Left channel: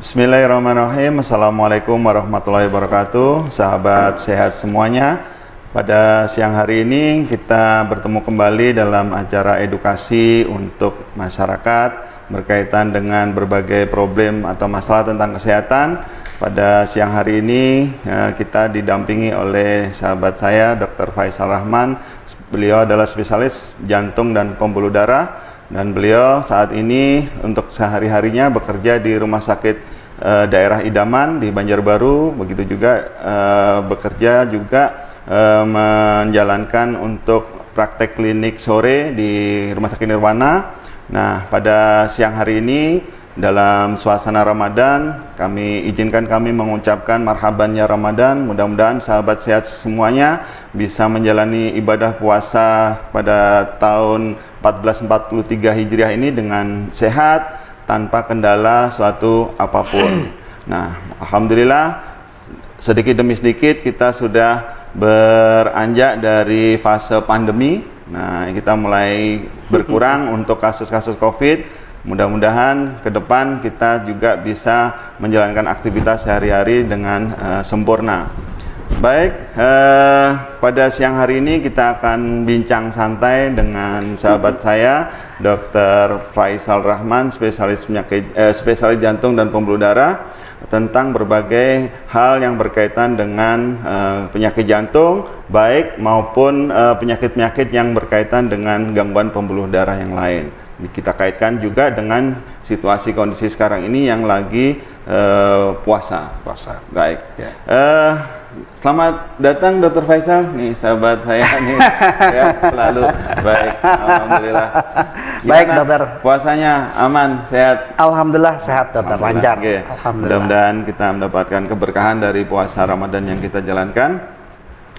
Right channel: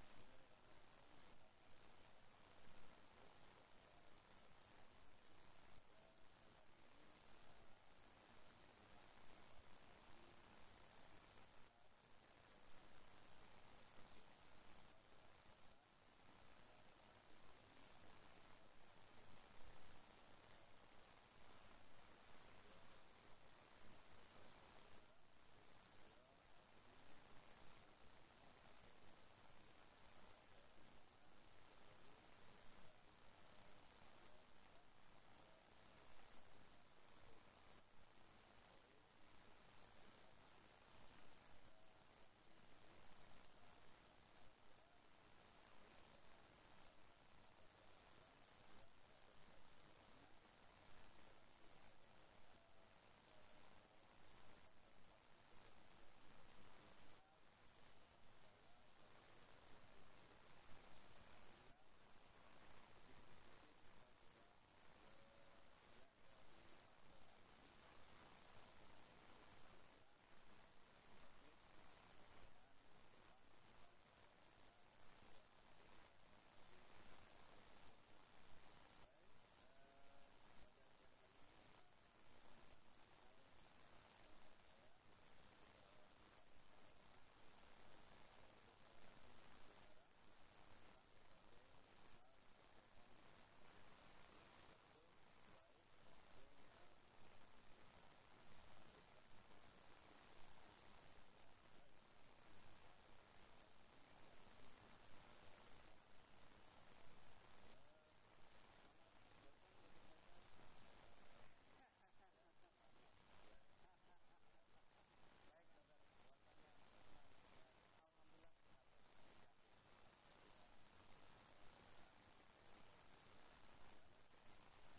Bismillahirrahmanirrahim. Assalamualaikum warahmatullahi wabarakatuh. Sahabat sehat semuanya. Pada siang hari ini kita bertemu kembali dalam acara edukasi untuk masyarakat berkaitan dengan berbagai problem atau masalah tentang kesehatan. Pada siang hari ini kita didampingi oleh sahabat saya Dr. Faisal Rahman. Beliau adalah spesialis jantung dan pembuluh darah, dan beliau saat ini untuk sehari-harinya bekerja di Rumah Sakit Daerah Idaman di Banjarbaru. Begitu juga bekerja juga menjalankan untuk praktek klinik sore di Rumah Sakit Nirwana. Nah, pada siang hari ini dalam suasana Ramadan, kami mengucapkan marhabannya Ramadan. Mudah-mudahan sahabat sehat semuanya bisa menjalani ibadah puasa pada tahun 1443 Hijriah ini dengan sehat tanpa kendala suatu apapun. Nah, alhamdulillah sedikit demi sedikit kita sudah beranjak dari fase pandemi. Nah, kita mulai berkurang untuk kasus-kasus COVID. Mudah-mudahan ke depan kita juga bisa menjalankan aktivitas sehari-hari dengan sempurna. Baik, pada siang hari ini kita akan bincang santai dengan sahabat saya, Dr. Faisal Rahman, spesialis jantung dan pembuluh darah, tentang berbagai hal yang berkaitan dengan penyakit jantung, baik maupun penyakit-penyakit yang berkaitan dengan gangguan pembuluh darah yang lain. Kita kaitkan juga dengan situasi kondisi sekarang ini yang lagi puasa. Baik. Ya. Selamat datang Dr. Faisal, nih sahabat saya nih, ya, selalu baik, alhamdulillah. Baik dokter. Puasanya aman, sehat? Alhamdulillah sehat dokter, lancar. Okay. Alhamdulillah. Mudah-mudahan kita mendapatkan keberkahan dari puasa Ramadan yang kita jalankan.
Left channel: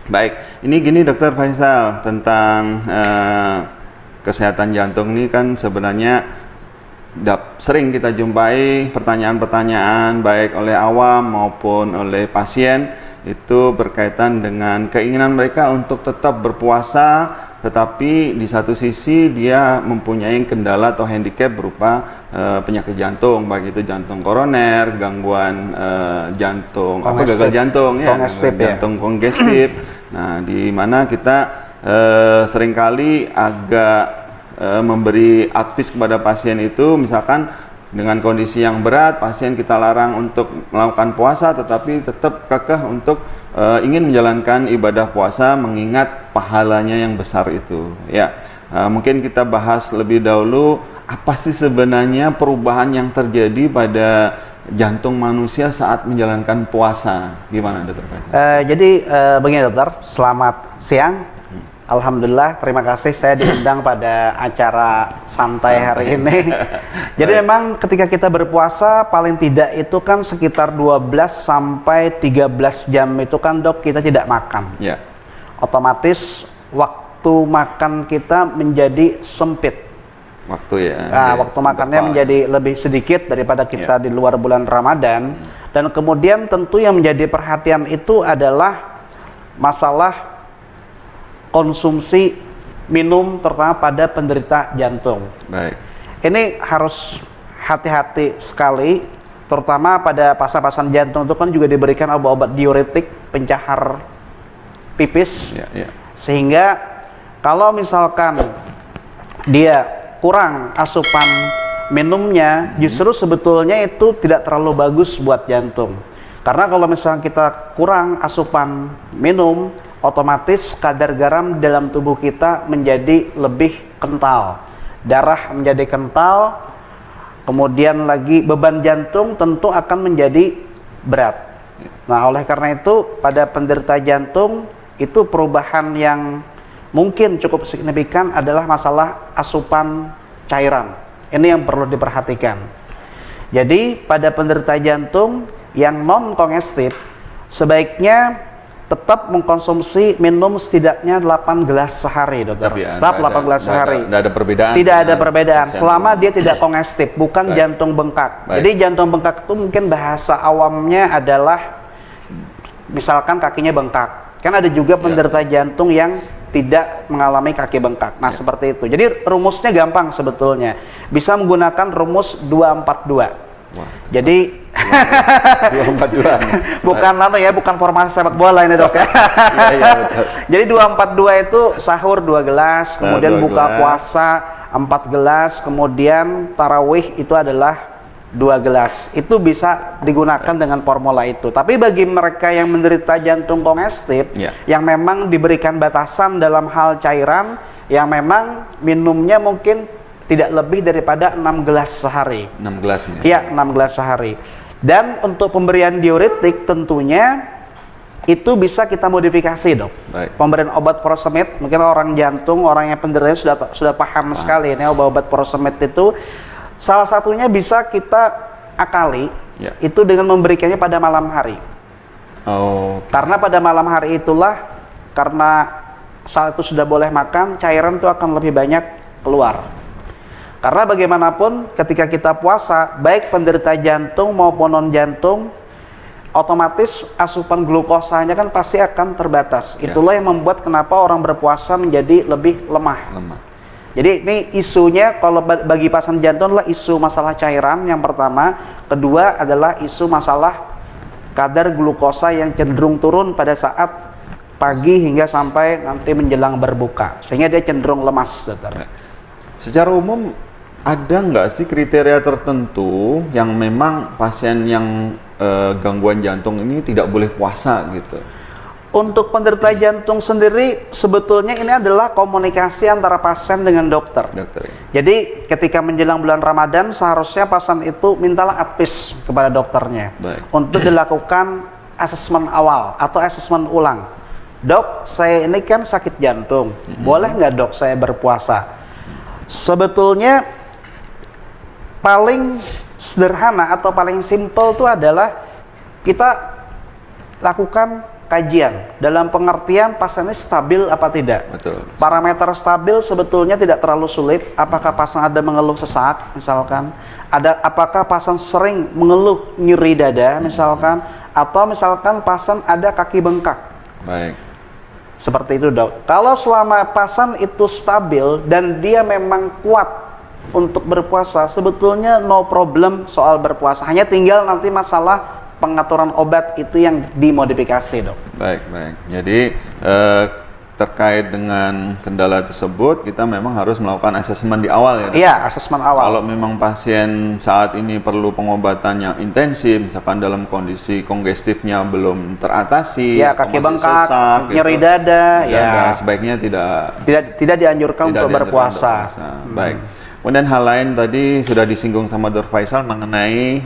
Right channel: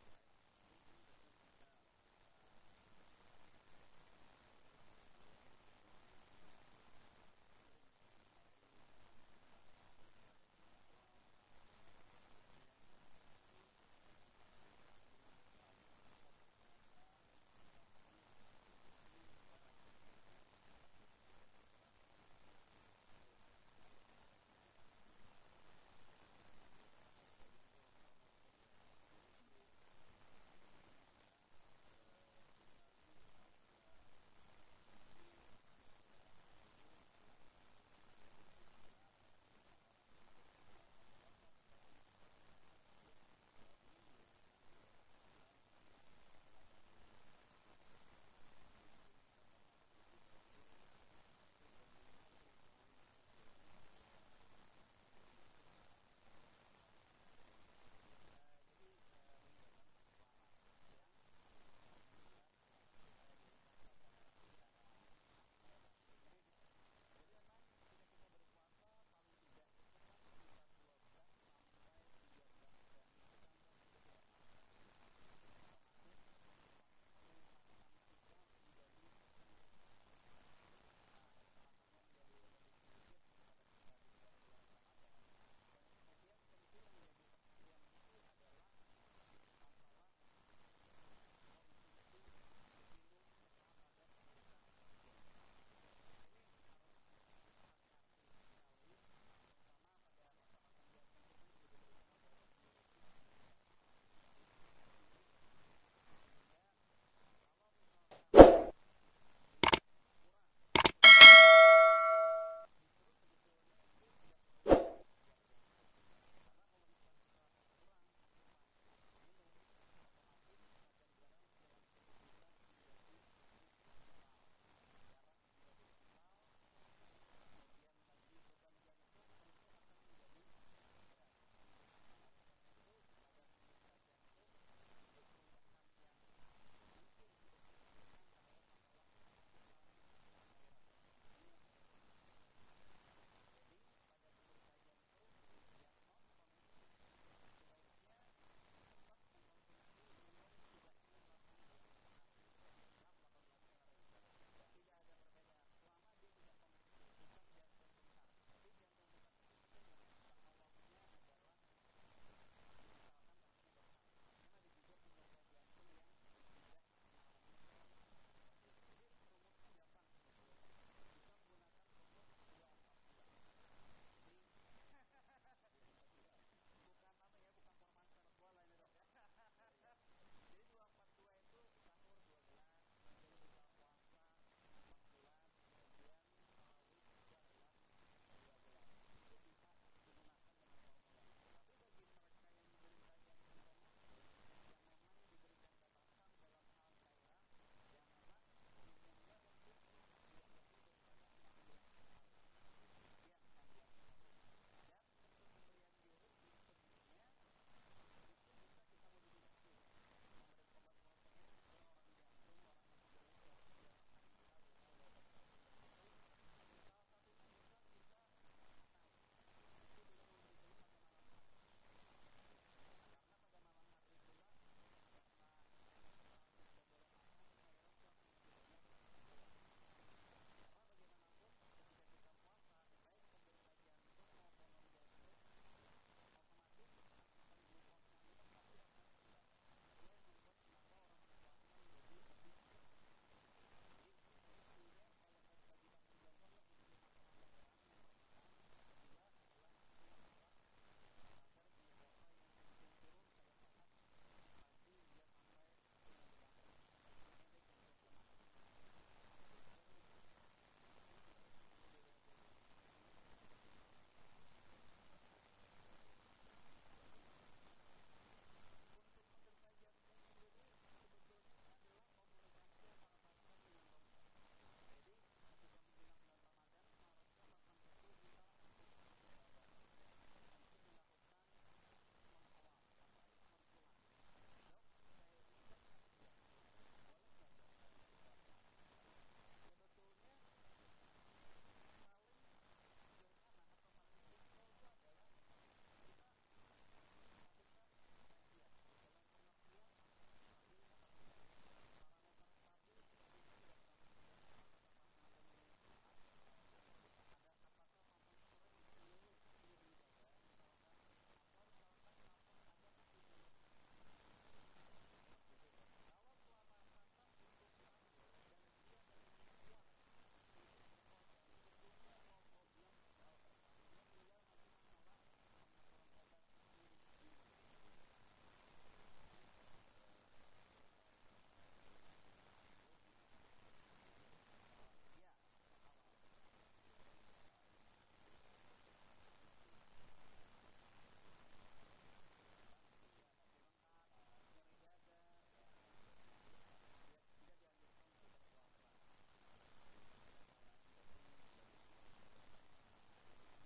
Baik, ini gini Dr. Faisal, tentang kesehatan jantung ini kan sebenarnya sering kita jumpai pertanyaan-pertanyaan baik oleh awam maupun oleh pasien, itu berkaitan dengan keinginan mereka untuk tetap berpuasa, tetapi di satu sisi dia mempunyai kendala atau handicap berupa penyakit jantung, baik itu jantung koroner, gangguan jantung, gagal jantung, jantung kongestif. Nah, di mana kita seringkali agak memberi advice kepada pasien itu, misalkan dengan kondisi yang berat, pasien kita larang untuk melakukan puasa, tetapi tetap kekeh untuk ingin menjalankan ibadah puasa mengingat pahalanya yang besar itu. Ya, mungkin kita bahas lebih dahulu apa sih sebenarnya perubahan yang terjadi pada jantung manusia saat menjalankan puasa. Gimana dokter? Jadi begini dokter, selamat siang. Alhamdulillah, terima kasih saya diundang pada acara santai hari ini. Jadi memang ketika kita berpuasa paling tidak itu kan sekitar 12 sampai 13 jam itu kan dok kita tidak makan. Yeah. Otomatis waktu makan kita menjadi sempit. Waktu ya. Nah, waktu makannya menjadi lebih sedikit daripada kita di luar bulan Ramadan. Dan kemudian tentu yang menjadi perhatian itu adalah masalah konsumsi minum, terutama pada penderita jantung. Baik. Ini harus hati-hati sekali, terutama pada pasien-pasien jantung itu kan juga diberikan obat-obat diuretik, pencahar pipis, sehingga kalau misalkan dia kurang asupan minumnya, justru sebetulnya itu tidak terlalu bagus buat jantung. Karena kalau misalnya kita kurang asupan minum, otomatis kadar garam dalam tubuh kita menjadi lebih kental, darah menjadi kental, kemudian lagi beban jantung tentu akan menjadi berat. Nah, oleh karena itu pada penderita jantung itu perubahan yang mungkin cukup signifikan adalah masalah asupan cairan. Ini yang perlu diperhatikan. Jadi pada penderita jantung yang non kongestif sebaiknya tetap mengkonsumsi minum setidaknya 8 gelas sehari, dokter. Tetap 8 gelas sehari. Tidak ada perbedaan. Tidak ada perbedaan selama dia tidak kongestif, bukan jantung bengkak. Jadi jantung bengkak itu mungkin bahasa awamnya adalah misalkan kakinya bengkak. Kan ada juga penderita jantung yang tidak mengalami kaki bengkak. Nah, seperti itu. Jadi rumusnya gampang sebetulnya. Bisa menggunakan rumus 242. Wah. Jadi 242 nih. bukan bukan formasi sepak bola ini dok ya. Iya, betul. Jadi 242 itu sahur 2 gelas, kemudian 2 buka gelas. puasa 4 gelas, kemudian tarawih itu adalah 2 gelas. Itu bisa digunakan dengan formula itu. Tapi bagi mereka yang menderita jantung kongestif, Ya. yang memang diberikan batasan dalam hal cairan, yang memang minumnya mungkin tidak lebih daripada 6 gelas sehari. 6 gelas nih. Iya, 6 gelas sehari. Dan untuk pemberian diuretik tentunya itu bisa kita modifikasi dok. Baik. Pemberian obat furosemid, mungkin orang jantung, orang yang penderita sudah paham sekali ini obat furosemid itu salah satunya bisa kita akali Ya. itu dengan memberikannya pada malam hari. Oh, Karena pada malam hari itulah, karena saat itu sudah boleh makan, cairan itu akan lebih banyak keluar. Karena bagaimanapun ketika kita puasa, baik penderita jantung maupun non jantung, otomatis asupan glukosanya kan pasti akan terbatas. Ya. Itulah yang membuat kenapa orang berpuasa menjadi lebih lemah. Jadi ini isunya kalau bagi pasien jantung adalah isu masalah cairan yang pertama, kedua adalah isu masalah kadar glukosa yang cenderung turun pada saat pagi hingga sampai nanti menjelang berbuka, sehingga dia cenderung lemas, dokter. Secara umum ada nggak sih kriteria tertentu yang memang pasien yang gangguan jantung ini tidak boleh puasa gitu? Untuk penderita jantung sendiri sebetulnya ini adalah komunikasi antara pasien dengan dokter. Jadi ketika menjelang bulan Ramadan seharusnya pasien itu mintalah advice kepada dokternya. Baik. Untuk dilakukan asesmen awal atau asesmen ulang. Dok, saya ini kan sakit jantung, boleh nggak dok saya berpuasa? Sebetulnya paling sederhana atau paling simple itu adalah kita lakukan kajian dalam pengertian pasiennya stabil apa tidak. Betul. Parameter stabil sebetulnya tidak terlalu sulit. Apakah pasien ada mengeluh sesak misalkan, apakah pasien sering mengeluh nyeri dada misalkan, atau misalkan pasien ada kaki bengkak. Baik. Seperti itu dok. Kalau selama pasien itu stabil dan dia memang kuat untuk berpuasa, sebetulnya no problem soal berpuasa. Hanya tinggal nanti masalah pengaturan obat itu yang dimodifikasi dok. Baik. Jadi terkait dengan kendala tersebut kita memang harus melakukan asesmen di awal ya dok? Iya, asesmen awal. Kalau memang pasien saat ini perlu pengobatan yang intensif, misalkan dalam kondisi kongestifnya belum teratasi, ya, kaki masih bengkak, sesak, nyeri dada, ya sebaiknya tidak dianjurkan untuk berpuasa. Baik. Kemudian hal lain tadi sudah disinggung sama Dr. Faisal mengenai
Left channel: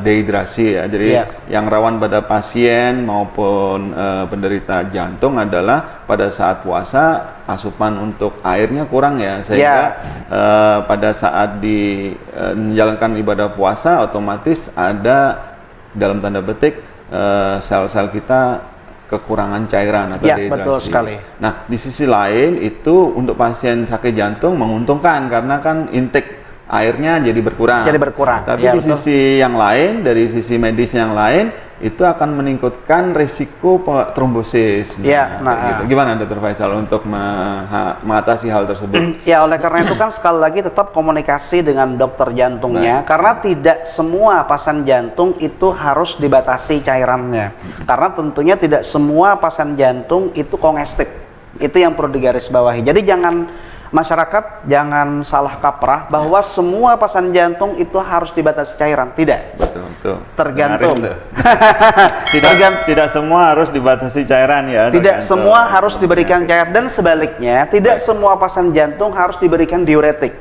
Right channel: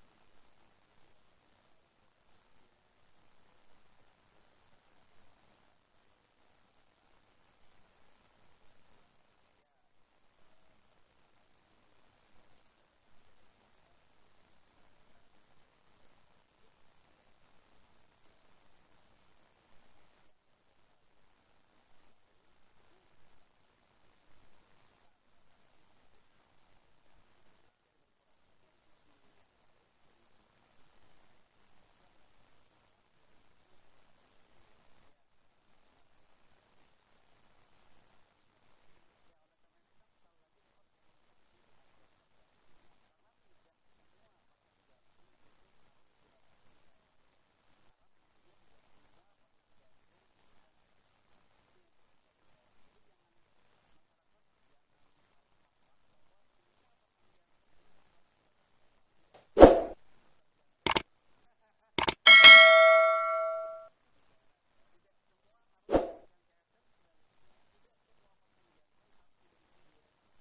dehidrasi ya. Jadi yang rawan pada pasien maupun penderita jantung adalah pada saat puasa asupan untuk airnya kurang ya, sehingga pada saat menjalankan ibadah puasa otomatis ada dalam tanda petik sel-sel kita kekurangan cairan atau dehidrasi. Betul sekali. Nah, di sisi lain itu untuk pasien sakit jantung menguntungkan karena kan intake airnya jadi berkurang. Tapi di sisi yang lain, dari sisi medis yang lain, itu akan meningkatkan risiko trombosis. Gitu. Gimana Dr. Faisal untuk mengatasi hal tersebut? Ya, oleh karena itu kan sekali lagi tetap komunikasi dengan dokter jantungnya. Karena tidak semua pasien jantung itu harus dibatasi cairannya. Karena tentunya tidak semua pasien jantung itu kongestif. Itu yang perlu digarisbawahi. Jadi masyarakat jangan salah kaprah bahwa semua pasien jantung itu harus dibatasi cairan. Tidak. Betul. Tergantung. Tidak semua harus dibatasi cairan ya. Tidak semua harus diberikan cairan, dan sebaliknya tidak semua pasien jantung harus diberikan diuretik.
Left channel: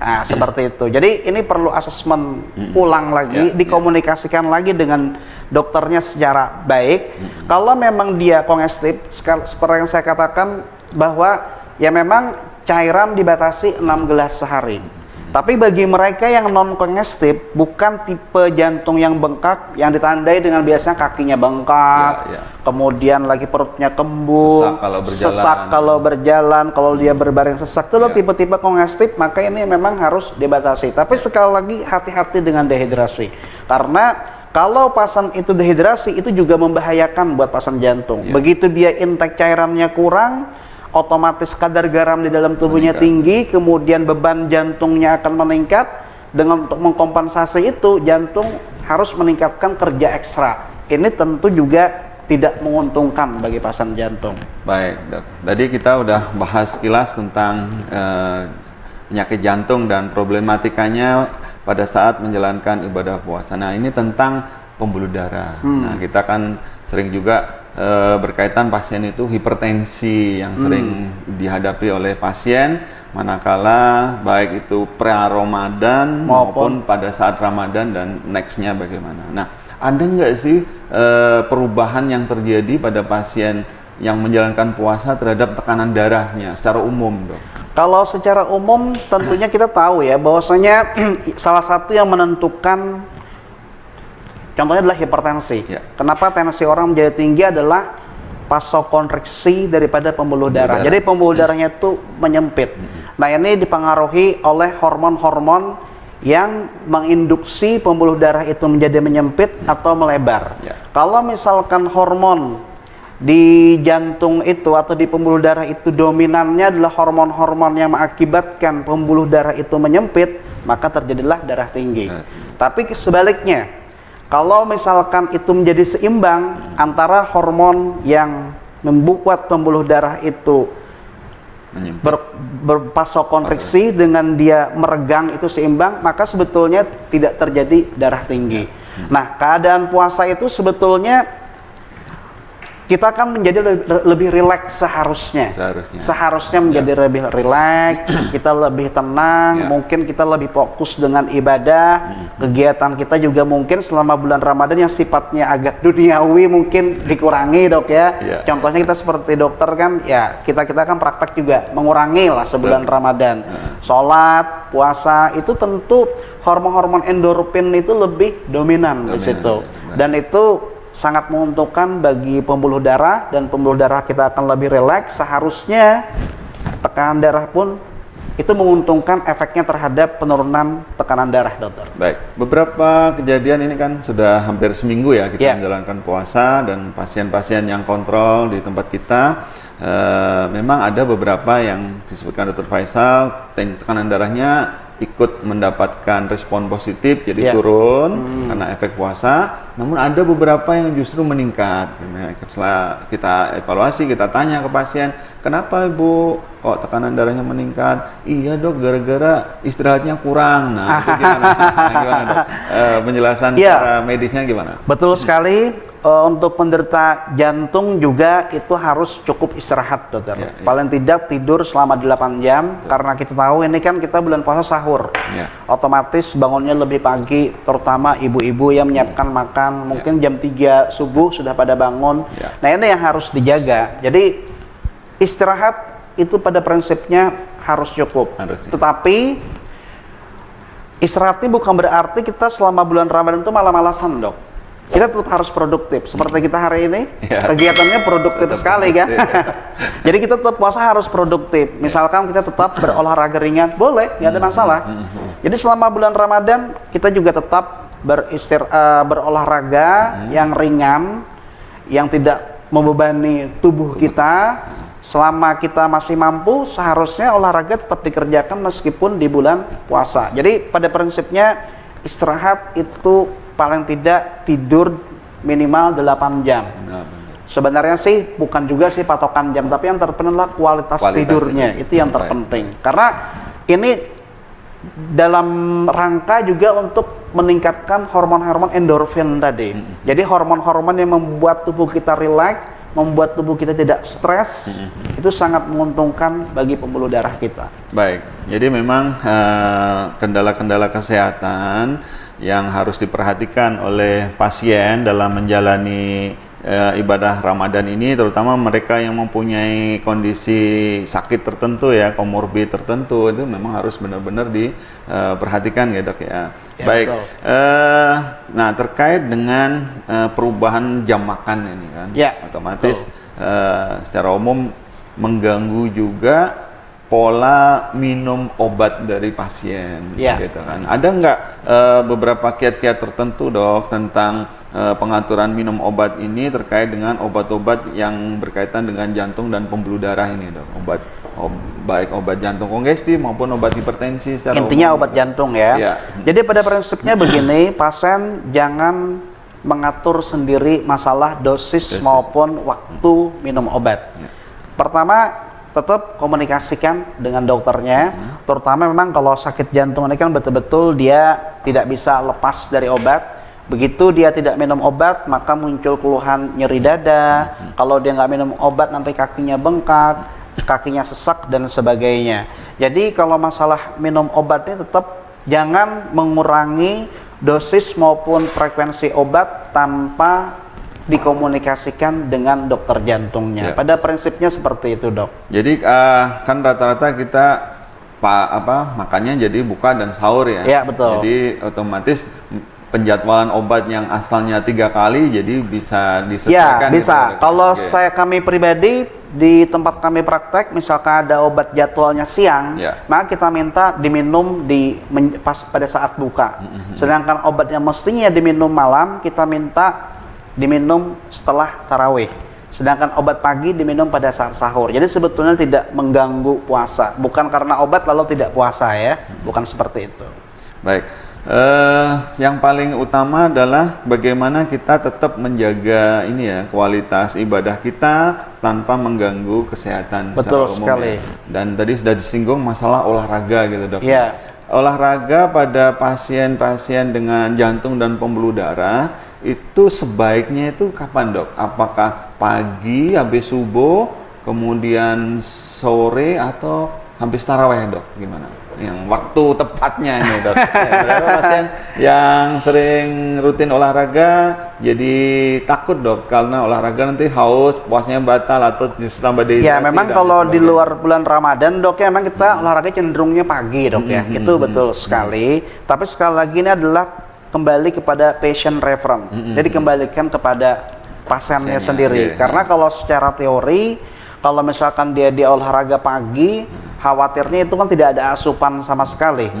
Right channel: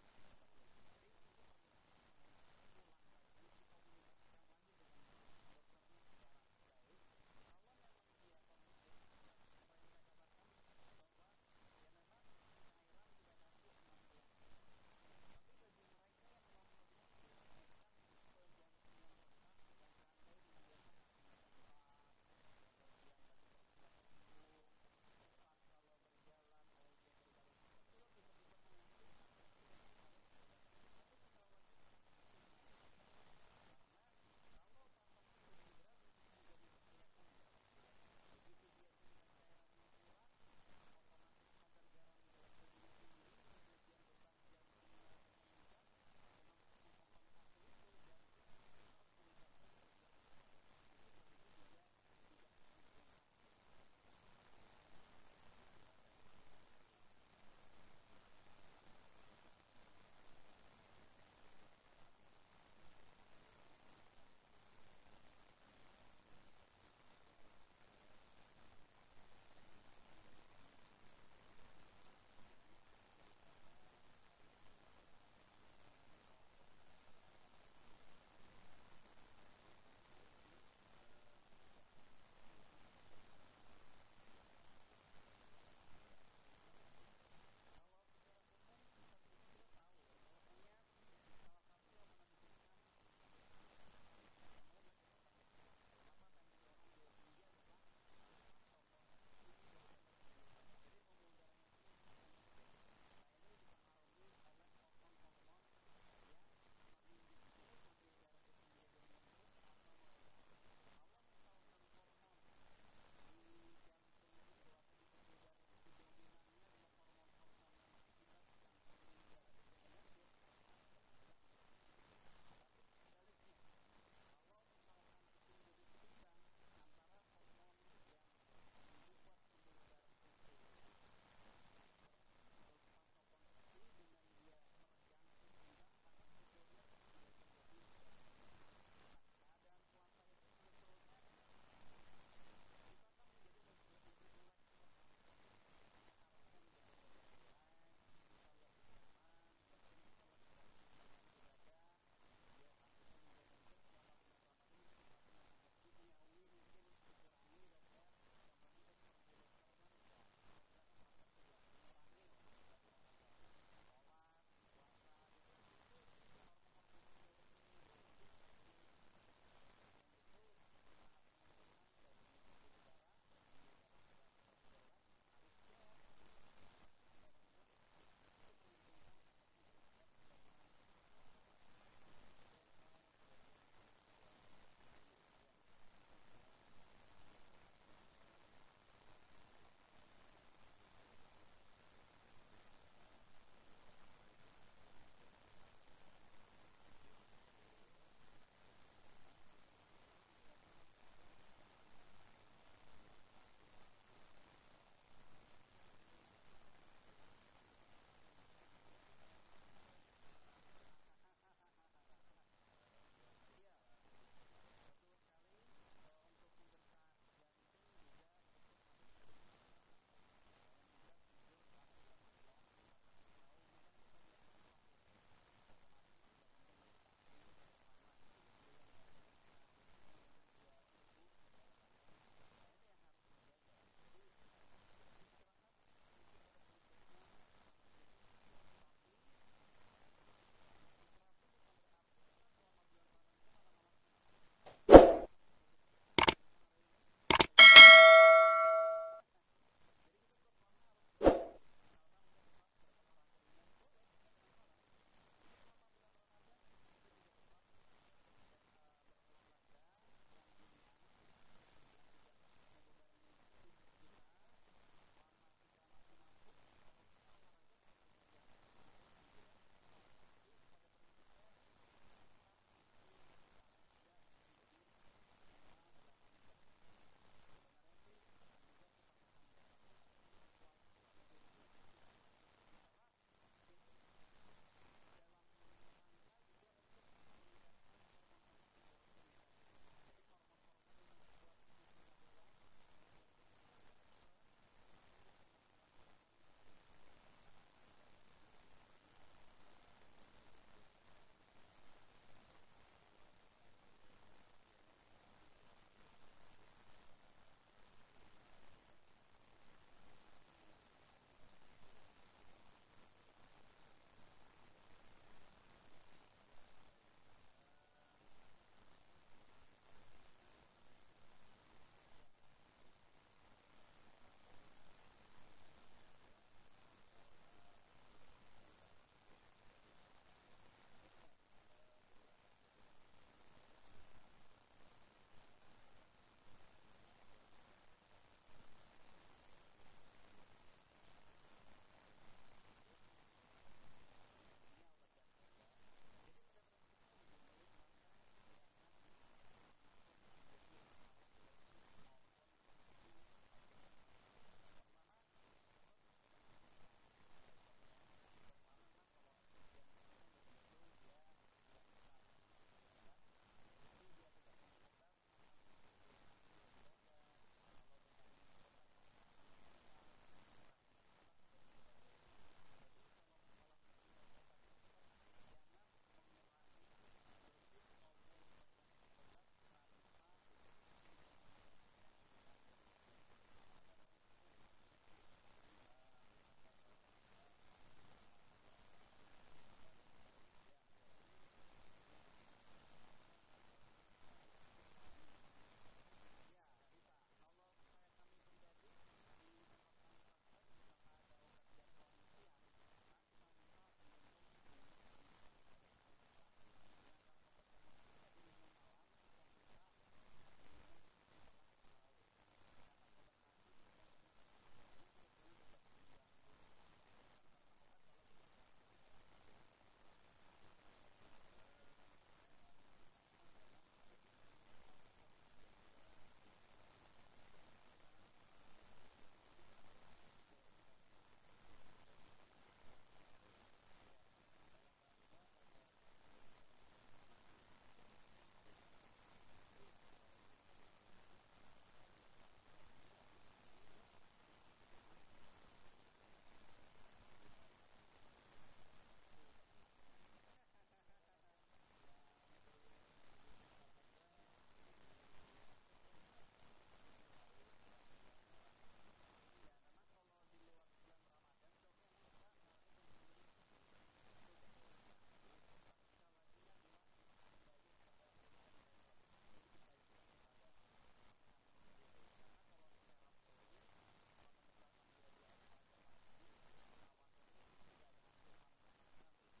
Nah, seperti itu. Jadi ini perlu asesmen ulang lagi, dikomunikasikan lagi dengan dokternya secara baik. Kalau memang dia kongestif, seperti yang saya katakan bahwa ya memang cairan dibatasi 6 gelas sehari. Tapi bagi mereka yang non kongestif, bukan tipe jantung yang bengkak, yang ditandai dengan biasanya kakinya bengkak, kemudian lagi perutnya kembung, sesak kalau berjalan, kalau dia berbaring sesak, itu tipe-tipe kongestif, maka ini memang harus dibatasi. Tapi sekali lagi hati-hati dengan dehidrasi, karena kalau pasien itu dehidrasi itu juga membahayakan buat pasien jantung. Begitu dia intake cairannya kurang, otomatis kadar garam di dalam tubuhnya tinggi, kemudian beban jantungnya akan meningkat, dengan untuk mengkompensasi itu jantung harus meningkatkan kerja ekstra. Ini tentu juga tidak menguntungkan bagi pasien jantung. Baik, Dok. Tadi kita udah bahas sekilas tentang penyakit jantung dan problematikanya pada saat menjalankan ibadah puasa. Nah, ini tentang pembuluh darah. Nah, kita kan sering juga berkaitan pasien itu hipertensi yang sering dihadapi oleh pasien manakala baik itu pra-Ramadan maupun pada saat Ramadan dan nextnya bagaimana. Nah, ada nggak sih perubahan yang terjadi pada pasien yang menjalankan puasa terhadap tekanan darahnya secara umum, Dok? Kalau secara umum tentunya kita tahu ya bahwasanya salah satu yang menentukan contohnya adalah hipertensi. Ya. Kenapa tensi orang menjadi tinggi adalah vasokonstriksi daripada pembuluh darah. Jadi pembuluh darahnya itu menyempit. Nah, ini dipengaruhi oleh hormon-hormon yang menginduksi pembuluh darah itu menjadi menyempit atau melebar. Ya. Kalau misalkan hormon di jantung itu atau di pembuluh darah itu dominannya adalah hormon-hormon yang mengakibatkan pembuluh darah itu menyempit, maka terjadilah darah tinggi. Tapi sebaliknya, kalau misalkan itu menjadi seimbang antara hormon yang membuat pembuluh darah itu bervasokonstriksi dengan dia meregang itu seimbang, maka sebetulnya tidak terjadi darah tinggi. Nah, keadaan puasa itu sebetulnya kita kan menjadi lebih rileks seharusnya menjadi lebih rileks, kita lebih tenang, mungkin kita lebih fokus dengan ibadah, kegiatan kita juga mungkin selama bulan Ramadan yang sifatnya agak duniawi mungkin dikurangi, Dok ya. Contohnya kita seperti dokter kan, ya kita kan praktek juga mengurangi lah sebulan Ramadan. Sholat, puasa itu tentu hormon-hormon endorfin itu lebih dominan di situ, dan itu sangat menguntungkan bagi pembuluh darah, dan pembuluh darah kita akan lebih rileks. Seharusnya tekanan darah pun itu menguntungkan efeknya terhadap penurunan tekanan darah, dokter. Baik, beberapa kejadian ini kan sudah hampir seminggu ya kita menjalankan puasa, dan pasien-pasien yang kontrol di tempat kita memang ada beberapa yang disebutkan Dr. Faisal tekanan darahnya ikut mendapatkan respon positif, jadi turun karena efek puasa. Namun ada beberapa yang justru meningkat. Setelah kita evaluasi, kita tanya ke pasien, kenapa Ibu kok tekanan darahnya meningkat? Iya Dok, gara-gara istirahatnya kurang. Nah, itu gimana? Gimana Dok? Penjelasan secara medisnya gimana? Betul sekali. Untuk penderita jantung juga itu harus cukup istirahat, dokter. Paling tidak tidur selama 8 jam, karena kita tahu ini kan kita bulan puasa sahur. Otomatis bangunnya lebih pagi, terutama ibu-ibu yang menyiapkan makan, mungkin jam 3 subuh sudah pada bangun. Nah, ini yang harus dijaga. Jadi istirahat itu pada prinsipnya harus cukup. Tetapi istirahat ini bukan berarti kita selama bulan Ramadan itu malas-malasan, Dok. Kita tetap harus produktif. Seperti kita hari ini, kegiatannya produktif sekali kan. Jadi kita tetap puasa harus produktif. Misalkan kita tetap berolahraga ringan, boleh, nggak ada masalah. Jadi selama bulan Ramadan kita juga tetap berolahraga yang ringan, yang tidak membebani tubuh kita. Selama kita masih mampu, seharusnya olahraga tetap dikerjakan meskipun di bulan puasa. Jadi pada prinsipnya istirahat itu paling tidak tidur minimal 8 jam. Sebenarnya sih bukan juga sih patokan jam, tapi yang terpenting adalah kualitas tidurnya. Itu yang terpenting. Karena ini dalam rangka juga untuk meningkatkan hormon-hormon endorfin tadi. Jadi hormon-hormon yang membuat tubuh kita rileks, membuat tubuh kita tidak stres, itu sangat menguntungkan bagi pembuluh darah kita. Baik, jadi memang kendala-kendala kesehatan yang harus diperhatikan oleh pasien dalam menjalani ibadah Ramadan ini, terutama mereka yang mempunyai kondisi sakit tertentu ya, komorbid tertentu, itu memang harus benar-benar diperhatikan ya Dok ya. Baik, nah terkait dengan perubahan jam makan ini kan, otomatis secara umum mengganggu juga pola minum obat dari pasien, gitu kan. Ada nggak beberapa kiat-kiat tertentu Dok tentang pengaturan minum obat ini terkait dengan obat-obat yang berkaitan dengan jantung dan pembuluh darah ini Dok? Obat baik obat jantung kongestif maupun obat hipertensi secara Intinya umum. obat jantung ya. Iya. Jadi pada prinsipnya begini, pasien jangan mengatur sendiri masalah dosis maupun waktu minum obat. Ya. Pertama, tetap komunikasikan dengan dokternya, terutama memang kalau sakit jantung ini kan betul-betul dia tidak bisa lepas dari obat. Begitu dia tidak minum obat, maka muncul keluhan nyeri dada. Kalau dia nggak minum obat, nanti kakinya bengkak, kakinya sesak dan sebagainya. Jadi kalau masalah minum obatnya tetap jangan mengurangi dosis maupun frekuensi obat tanpa dikomunikasikan dengan dokter jantungnya. Ya. Pada prinsipnya seperti itu, Dok. Jadi kan rata-rata kita makannya jadi buka dan sahur ya. Ya, betul. Jadi otomatis penjadwalan obat yang asalnya 3 kali jadi bisa Ya, disesuaikan. bisa. gitu. Kalau Oke. kami pribadi di tempat kami praktek, misalkan ada obat jadwalnya siang, Ya. maka kita minta diminum pas pada saat buka. Sedangkan obat yang mestinya diminum malam, kita minta diminum setelah tarawih. Sedangkan obat pagi diminum pada saat sahur. Jadi sebetulnya tidak mengganggu puasa. Bukan karena obat lalu tidak puasa ya. Bukan seperti itu. Baik. Yang paling utama adalah bagaimana kita tetap menjaga ini ya kualitas ibadah kita tanpa mengganggu kesehatan Betul secara umum sekali. ya. Dan tadi sudah disinggung masalah olahraga gitu dok. Iya. Olahraga pada pasien-pasien dengan jantung dan pembuluh darah itu sebaiknya itu kapan dok? Apakah pagi habis subuh, kemudian sore atau habis taraweh dok? Gimana? Yang waktu tepatnya ini dok. Ya, beberapa pasien yang sering rutin olahraga jadi takut dok karena olahraga nanti haus, puasanya batal atau justru tambah dehidrasi. Ya memang dan kalau di sebagainya. luar bulan Ramadan dok ya memang kita olahraga cenderungnya pagi dok ya. Itu betul sekali. Tapi sekali lagi ini adalah kembali kepada patient reference. Jadi kembalikan kepada pasiennya sendiri. iya. Karena kalau secara teori, kalau misalkan dia olahraga pagi, khawatirnya itu kan tidak ada asupan sama sekali.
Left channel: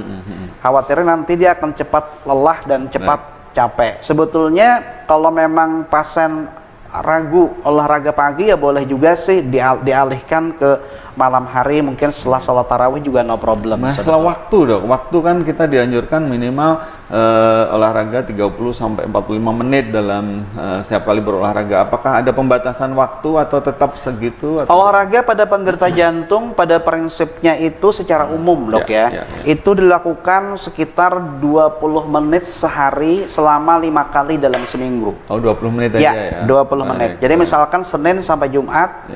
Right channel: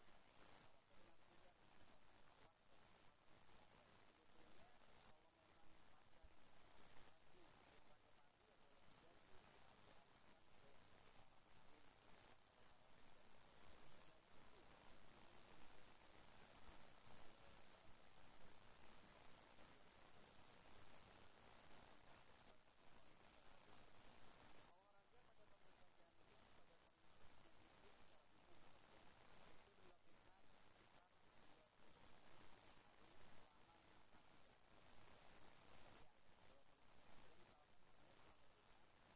Khawatirnya nanti dia akan cepat lelah dan cepat capek. Sebetulnya kalau memang pasien ragu olahraga pagi ya boleh juga sih dialihkan ke malam hari, mungkin setelah sholat tarawih juga no problem. Masalah waktu dok, waktu kan kita dianjurkan minimal olahraga 30 sampai 45 menit dalam setiap kali berolahraga. Apakah ada pembatasan waktu atau tetap segitu? Atau? Olahraga pada penderita jantung pada prinsipnya itu secara umum dok ya, itu dilakukan sekitar 20 menit sehari selama 5 kali dalam seminggu. Oh 20 menit aja ya? 20 menit. Jadi misalkan Senin sampai Jumat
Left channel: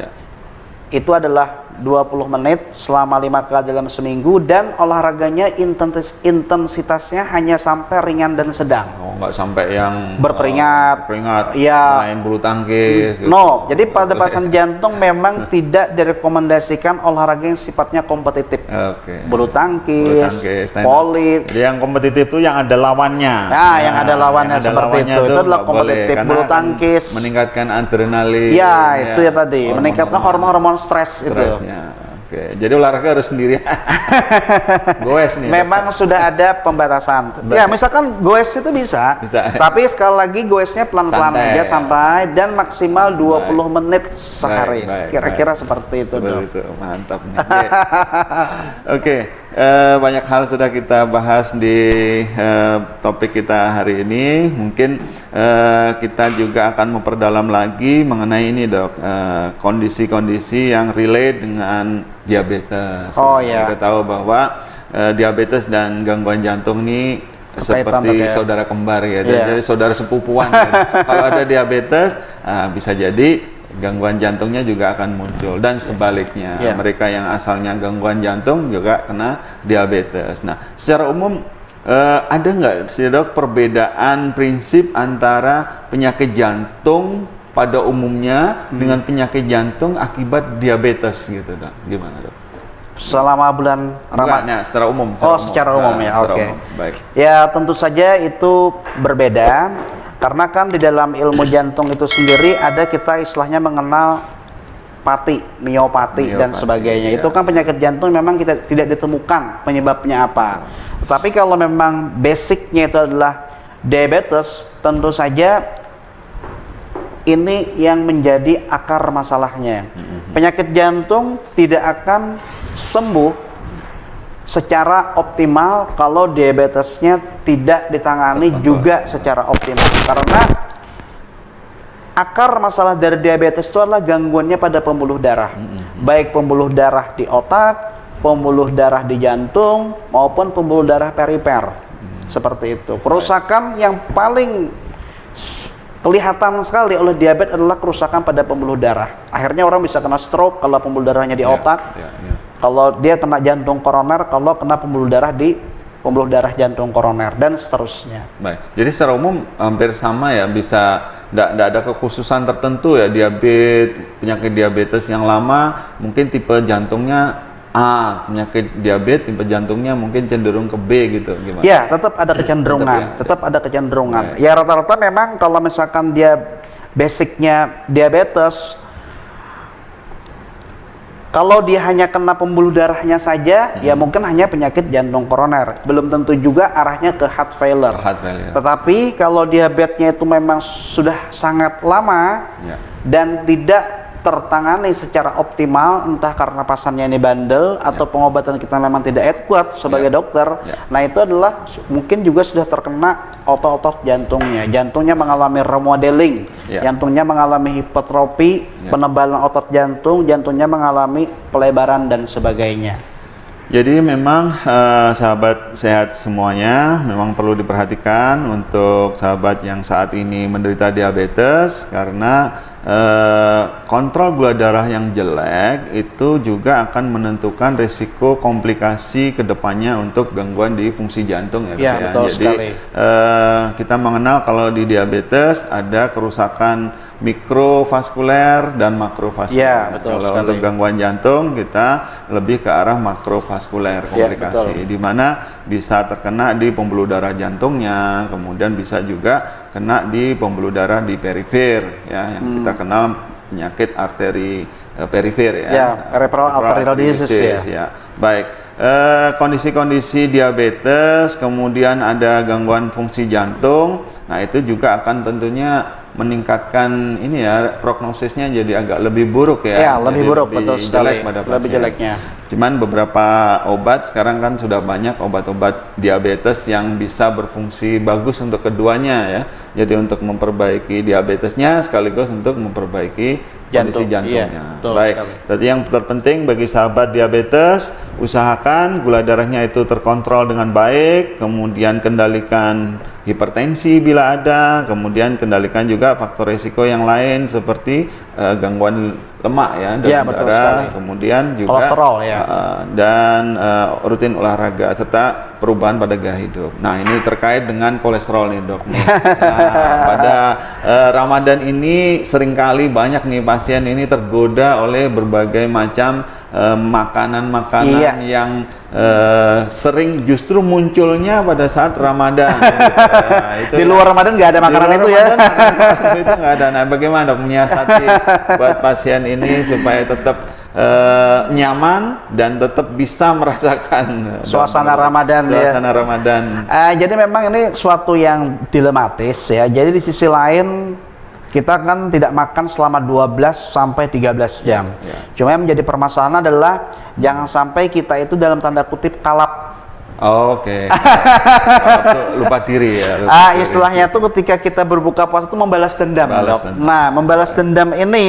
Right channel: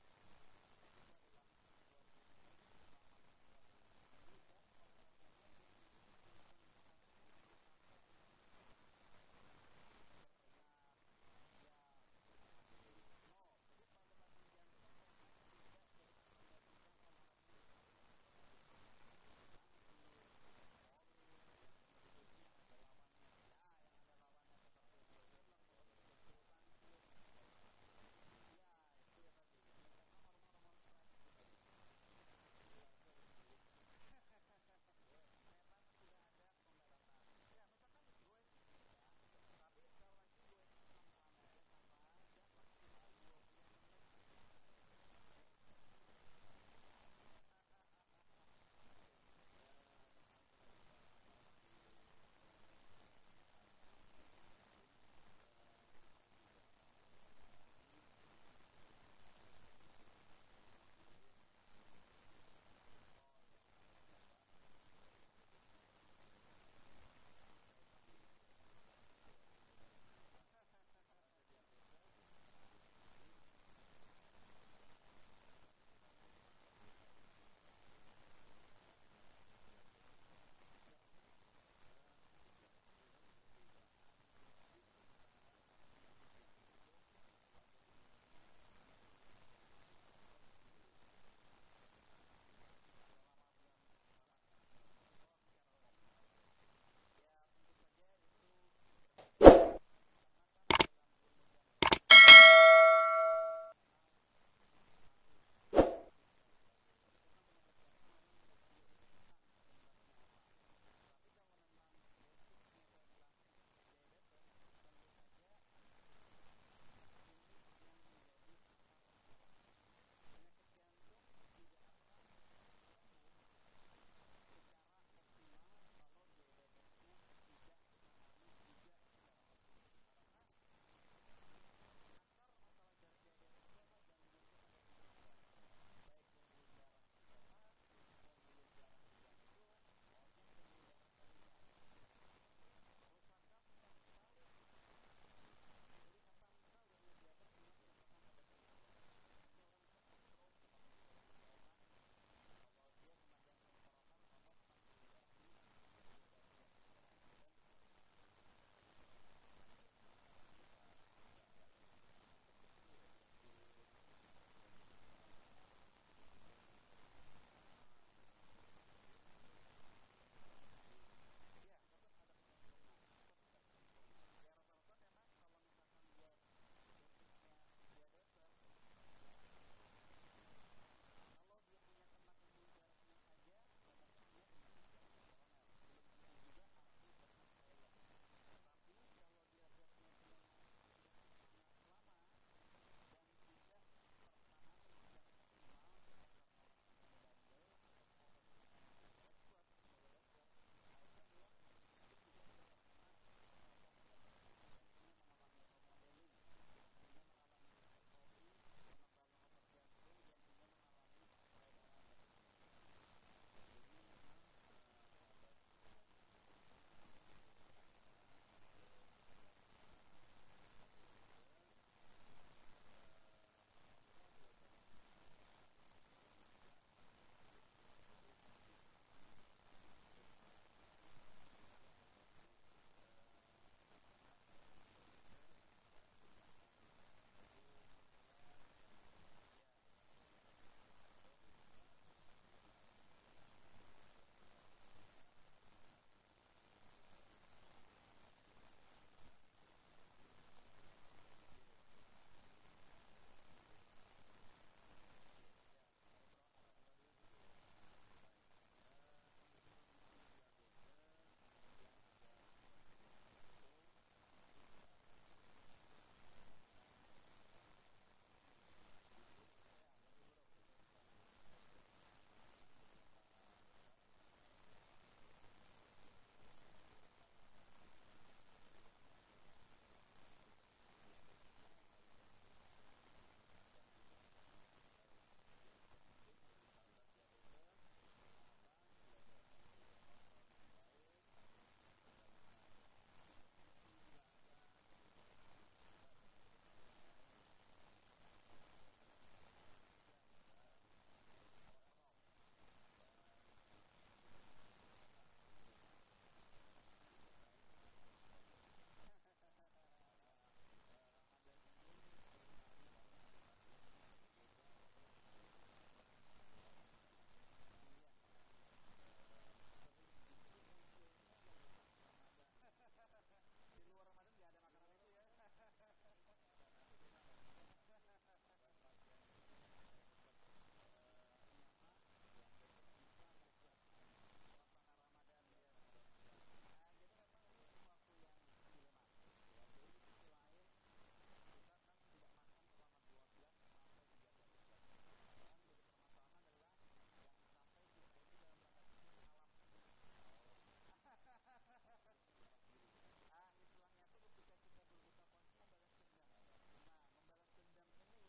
itu adalah 20 menit selama 5 kali dalam seminggu, dan olahraganya intensitasnya hanya sampai ringan dan sedang. Oh, nggak sampai yang berkeringat, ya, main bulu tangkis. Gitu. No, jadi pada pasien jantung memang tidak direkomendasikan olahraga yang sifatnya kompetitif. Bulu tangkis, voli. Jadi yang kompetitif itu yang ada lawannya. Nah, yang ada lawannya seperti itu adalah kompetitif. Bulu tangkis meningkatkan adrenalin. Ya, itu ya tadi, meningkatkan hormon-hormon stres itu. Oke, jadi olahraga harus sendiri. Goes nih. Memang sudah ada pembatasan. Ya, misalkan goes itu bisa. Tapi sekali lagi goesnya pelan-pelan aja, santai, dan maksimal 20 menit sehari. Kira-kira seperti itu. Seperti itu, mantap nih. Oke, banyak hal sudah kita bahas di topik kita hari ini. Mungkin kita juga akan memperdalam lagi mengenai ini dok, kondisi-kondisi yang relate dengan diabetes. Oh ya. Kita tahu bahwa diabetes dan gangguan jantung ini seperti saudara kembar ya, jadi saudara sepupuan. Kalau ada diabetes, bisa jadi gangguan jantungnya juga akan muncul, dan sebaliknya mereka yang asalnya gangguan jantung juga kena diabetes. Nah, secara umum ada nggak sih dok perbedaan prinsip antara penyakit jantung pada umumnya dengan penyakit jantung akibat diabetes gitu dok? Gimana dok? Selama bulan Ramadan. Secara umum. Secara umum ya. Oke. Baik. Ya, tentu saja itu berbeda. Karena kan di dalam ilmu jantung itu sendiri ada kita istilahnya mengenal miopati dan sebagainya. Itu kan penyakit jantung memang kita tidak ditemukan penyebabnya apa. Tapi kalau memang basicnya itu adalah diabetes, tentu saja ini yang menjadi akar masalahnya. Penyakit jantung tidak akan sembuh secara optimal kalau diabetesnya tidak ditangani juga secara optimal. Karena akar masalah dari diabetes itu adalah gangguannya pada pembuluh darah. Baik pembuluh darah di otak, pembuluh darah di jantung, maupun pembuluh darah perifer. Seperti itu. Kerusakan yang paling kelihatan sekali oleh diabetes adalah kerusakan pada pembuluh darah. Akhirnya orang bisa kena stroke kalau pembuluh darahnya di otak. Kalau dia kena jantung koroner, kalau kena pembuluh darah di pembuluh darah jantung koroner, dan seterusnya. Baik. Jadi secara umum hampir sama ya, bisa tidak ada kekhususan tertentu ya, penyakit diabetes yang lama mungkin tipe jantungnya A, penyakit diabetes tipe jantungnya mungkin cenderung ke B gitu, gimana? Ya, tetap ada kecenderungan, tetap ada kecenderungan. Ya, rata-rata memang kalau misalkan dia basicnya diabetes, kalau dia hanya kena pembuluh darahnya saja, ya mungkin hanya penyakit jantung koroner. Belum tentu juga arahnya ke heart failure. Tetapi kalau diabetesnya itu memang sudah sangat lama dan tidak tertangani secara optimal, entah karena pasiennya ini bandel atau pengobatan kita memang tidak adequate sebagai dokter. Nah, itu adalah mungkin juga sudah terkena otot-otot jantungnya. Jantungnya mengalami remodeling, jantungnya mengalami hipertrofi, penebalan otot jantung, jantungnya mengalami pelebaran dan sebagainya. Jadi memang sahabat sehat semuanya memang perlu diperhatikan untuk sahabat yang saat ini menderita diabetes, karena kontrol gula darah yang jelek itu juga akan menentukan risiko komplikasi kedepannya untuk gangguan di fungsi jantung ya. Betul. Jadi kita mengenal kalau di diabetes ada kerusakan mikrovaskuler dan makrovaskuler. Kalau untuk gangguan jantung kita lebih ke arah makrovaskuler komplikasi, di mana bisa terkena di pembuluh darah jantungnya, kemudian bisa juga kena di pembuluh darah di perifer ya, yang kita kenal penyakit arteri perifer peripheral arterial disease ya. Baik, kondisi-kondisi diabetes, kemudian ada gangguan fungsi jantung, nah itu juga akan tentunya meningkatkan ini ya, prognosisnya jadi agak lebih buruk ya. Lebih buruk, betul sekali. Lebih jeleknya. Cuman beberapa obat sekarang kan sudah banyak obat-obat diabetes yang bisa berfungsi bagus untuk keduanya ya. Jadi untuk memperbaiki diabetesnya sekaligus untuk memperbaiki kondisi jantungnya. Baik. Tadi yang terpenting bagi sahabat diabetes, usahakan gula darahnya itu terkontrol dengan baik, kemudian kendalikan hipertensi bila ada, kemudian kendalikan juga faktor risiko yang lain seperti gangguan lemak ya, dalam darah, kemudian juga kolesterol dan rutin olahraga serta perubahan pada gaya hidup. Nah, ini terkait dengan kolesterol nih, Dok. Nah, pada Ramadan ini seringkali banyak nih pasien ini tergoda oleh berbagai macam makanan-makanan yang sering justru munculnya pada saat Ramadan. Itu di luar Ramadan nggak ada makanan itu ya. Itu nggak ada. Nah, bagaimana dok menyiasati buat pasien ini supaya tetap nyaman dan tetap bisa merasakan suasana Ramadan Ramadan. Jadi memang ini suatu yang dilematis ya. Jadi di sisi lain kita kan tidak makan selama 12 sampai 13 jam. Cuma yang menjadi permasalahan adalah jangan sampai kita itu dalam tanda kutip kalap. Oke. Lupa diri ya. Istilahnya tuh ketika kita berbuka puasa itu membalas dendam, Dok. Nah, membalas dendam ini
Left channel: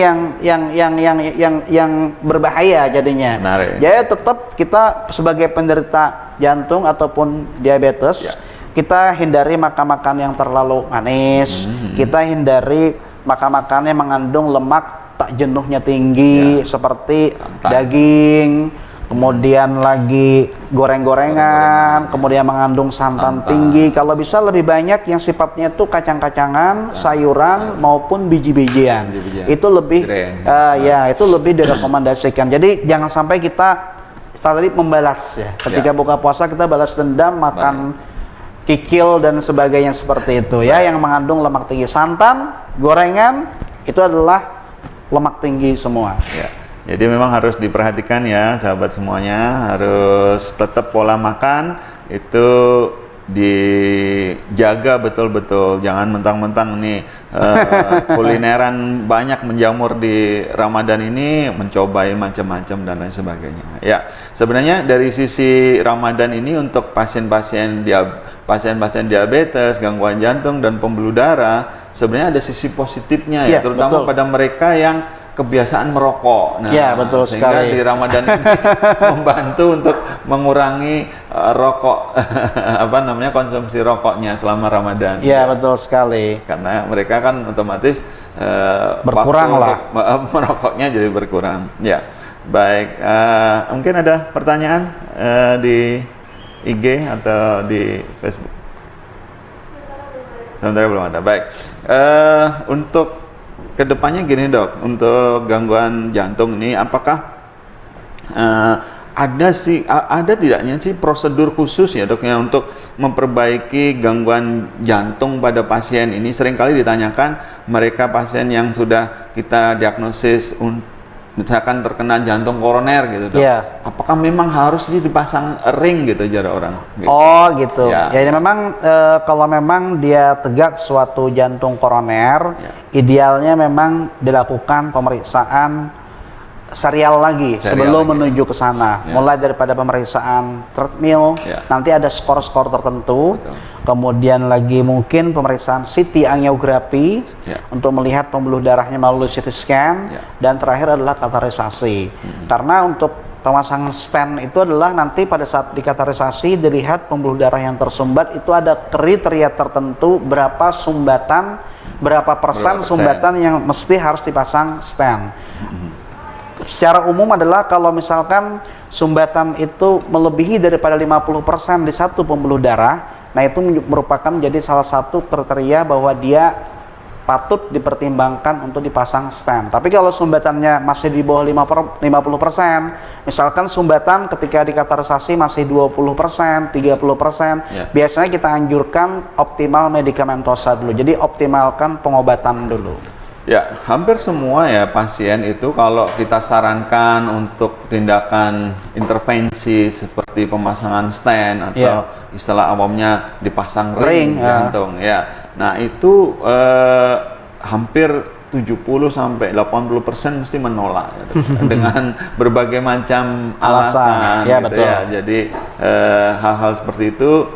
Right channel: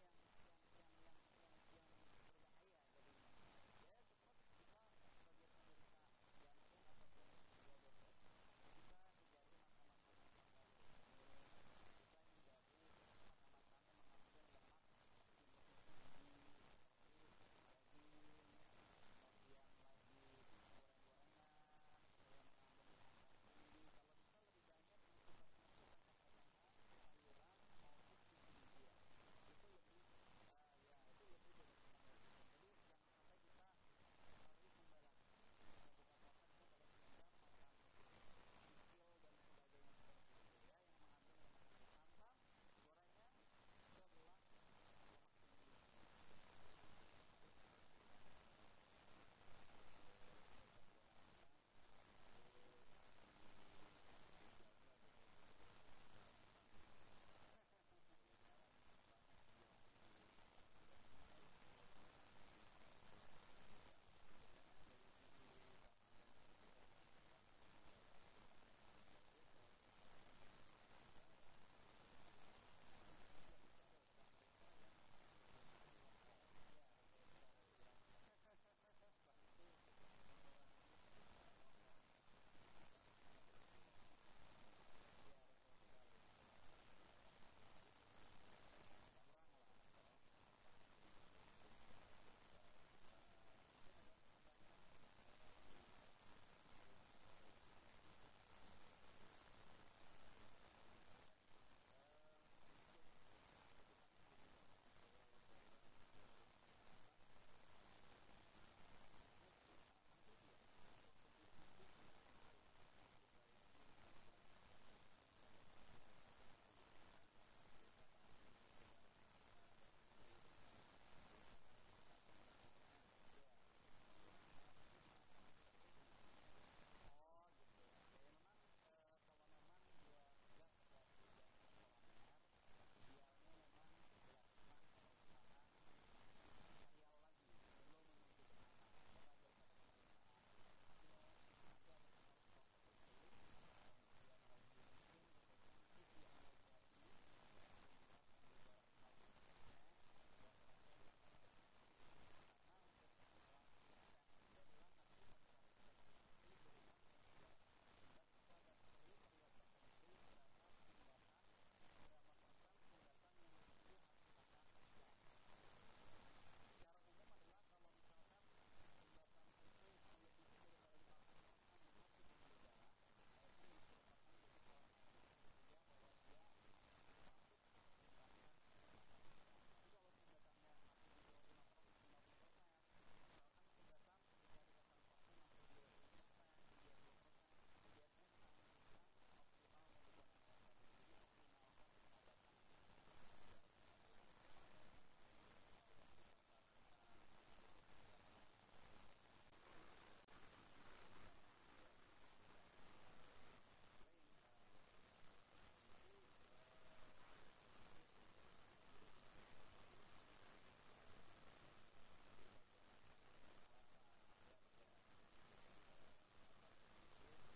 yang berbahaya jadinya. Jadi tetap kita sebagai penderita jantung ataupun diabetes, kita hindari makan-makan yang terlalu manis. Kita hindari makan-makan yang mengandung lemak tak jenuhnya tinggi seperti daging, kemudian lagi goreng-gorengan, kemudian mengandung santan tinggi. Kalau bisa lebih banyak yang sifatnya itu kacang-kacangan, sayuran maupun biji-bijian. Itu lebih itu lebih direkomendasikan. Jadi jangan sampai kita tadi membalas ya. Ketika buka puasa kita balas dendam makan kikil dan sebagainya seperti itu ya, yang mengandung lemak tinggi. Santan, gorengan itu adalah lemak tinggi semua. Jadi memang harus diperhatikan ya sahabat semuanya, harus tetap pola makan itu dijaga betul-betul. Jangan mentang-mentang nih kulineran banyak menjamur di Ramadan ini, mencobai macam-macam dan lain sebagainya. Ya, sebenarnya dari sisi Ramadan ini untuk pasien-pasien diabetes, gangguan jantung dan pembuluh darah, sebenarnya ada sisi positifnya ya, terutama pada mereka yang kebiasaan merokok. Nah, ya, betul sehingga sekali. di Ramadan ini membantu untuk mengurangi rokok konsumsi rokoknya selama Ramadan. Ya, betul sekali. Karena mereka kan otomatis berkurang lah. Merokoknya jadi berkurang. Ya. Baik, mungkin ada pertanyaan di IG atau di Facebook? Sementara belum ada. Baik. Untuk kedepannya gini dok, untuk gangguan jantung ini apakah ada tidaknya sih prosedur khusus ya dok ya untuk memperbaiki gangguan jantung pada pasien ini? Seringkali ditanyakan mereka pasien yang sudah kita diagnosis misalkan terkena jantung koroner gitu dok, apakah memang harus dipasang ring gitu jarak orang? Gitu. Oh gitu. Ya memang kalau memang dia tegak suatu jantung koroner, idealnya memang dilakukan pemeriksaan serial lagi sebelum menuju ke sana. Mulai daripada pemeriksaan treadmill, nanti ada skor-skor tertentu. Kemudian lagi mungkin pemeriksaan CT angiografi untuk melihat pembuluh darahnya melalui CT scan, dan terakhir adalah kateterisasi. Karena untuk pemasangan stent itu adalah nanti pada saat dikateterisasi dilihat pembuluh darah yang tersumbat itu ada kriteria tertentu berapa sumbatan, berapa persen sumbatan yang mesti harus dipasang stent. Secara umum adalah kalau misalkan sumbatan itu melebihi daripada 50% di satu pembuluh darah, nah itu merupakan menjadi salah satu kriteria bahwa dia patut dipertimbangkan untuk dipasang stent. Tapi kalau sumbatannya masih di bawah 50%, misalkan sumbatan ketika dikateterisasi masih 20%, 30%, biasanya kita anjurkan optimal medikamentosa dulu. Jadi optimalkan pengobatan dulu. Ya, hampir semua ya pasien itu kalau kita sarankan untuk tindakan intervensi seperti pemasangan stent atau istilah awamnya dipasang ring jantung Nah, itu hampir 70-80% mesti menolak dengan berbagai macam alasan gitu ya. Jadi hal-hal seperti itu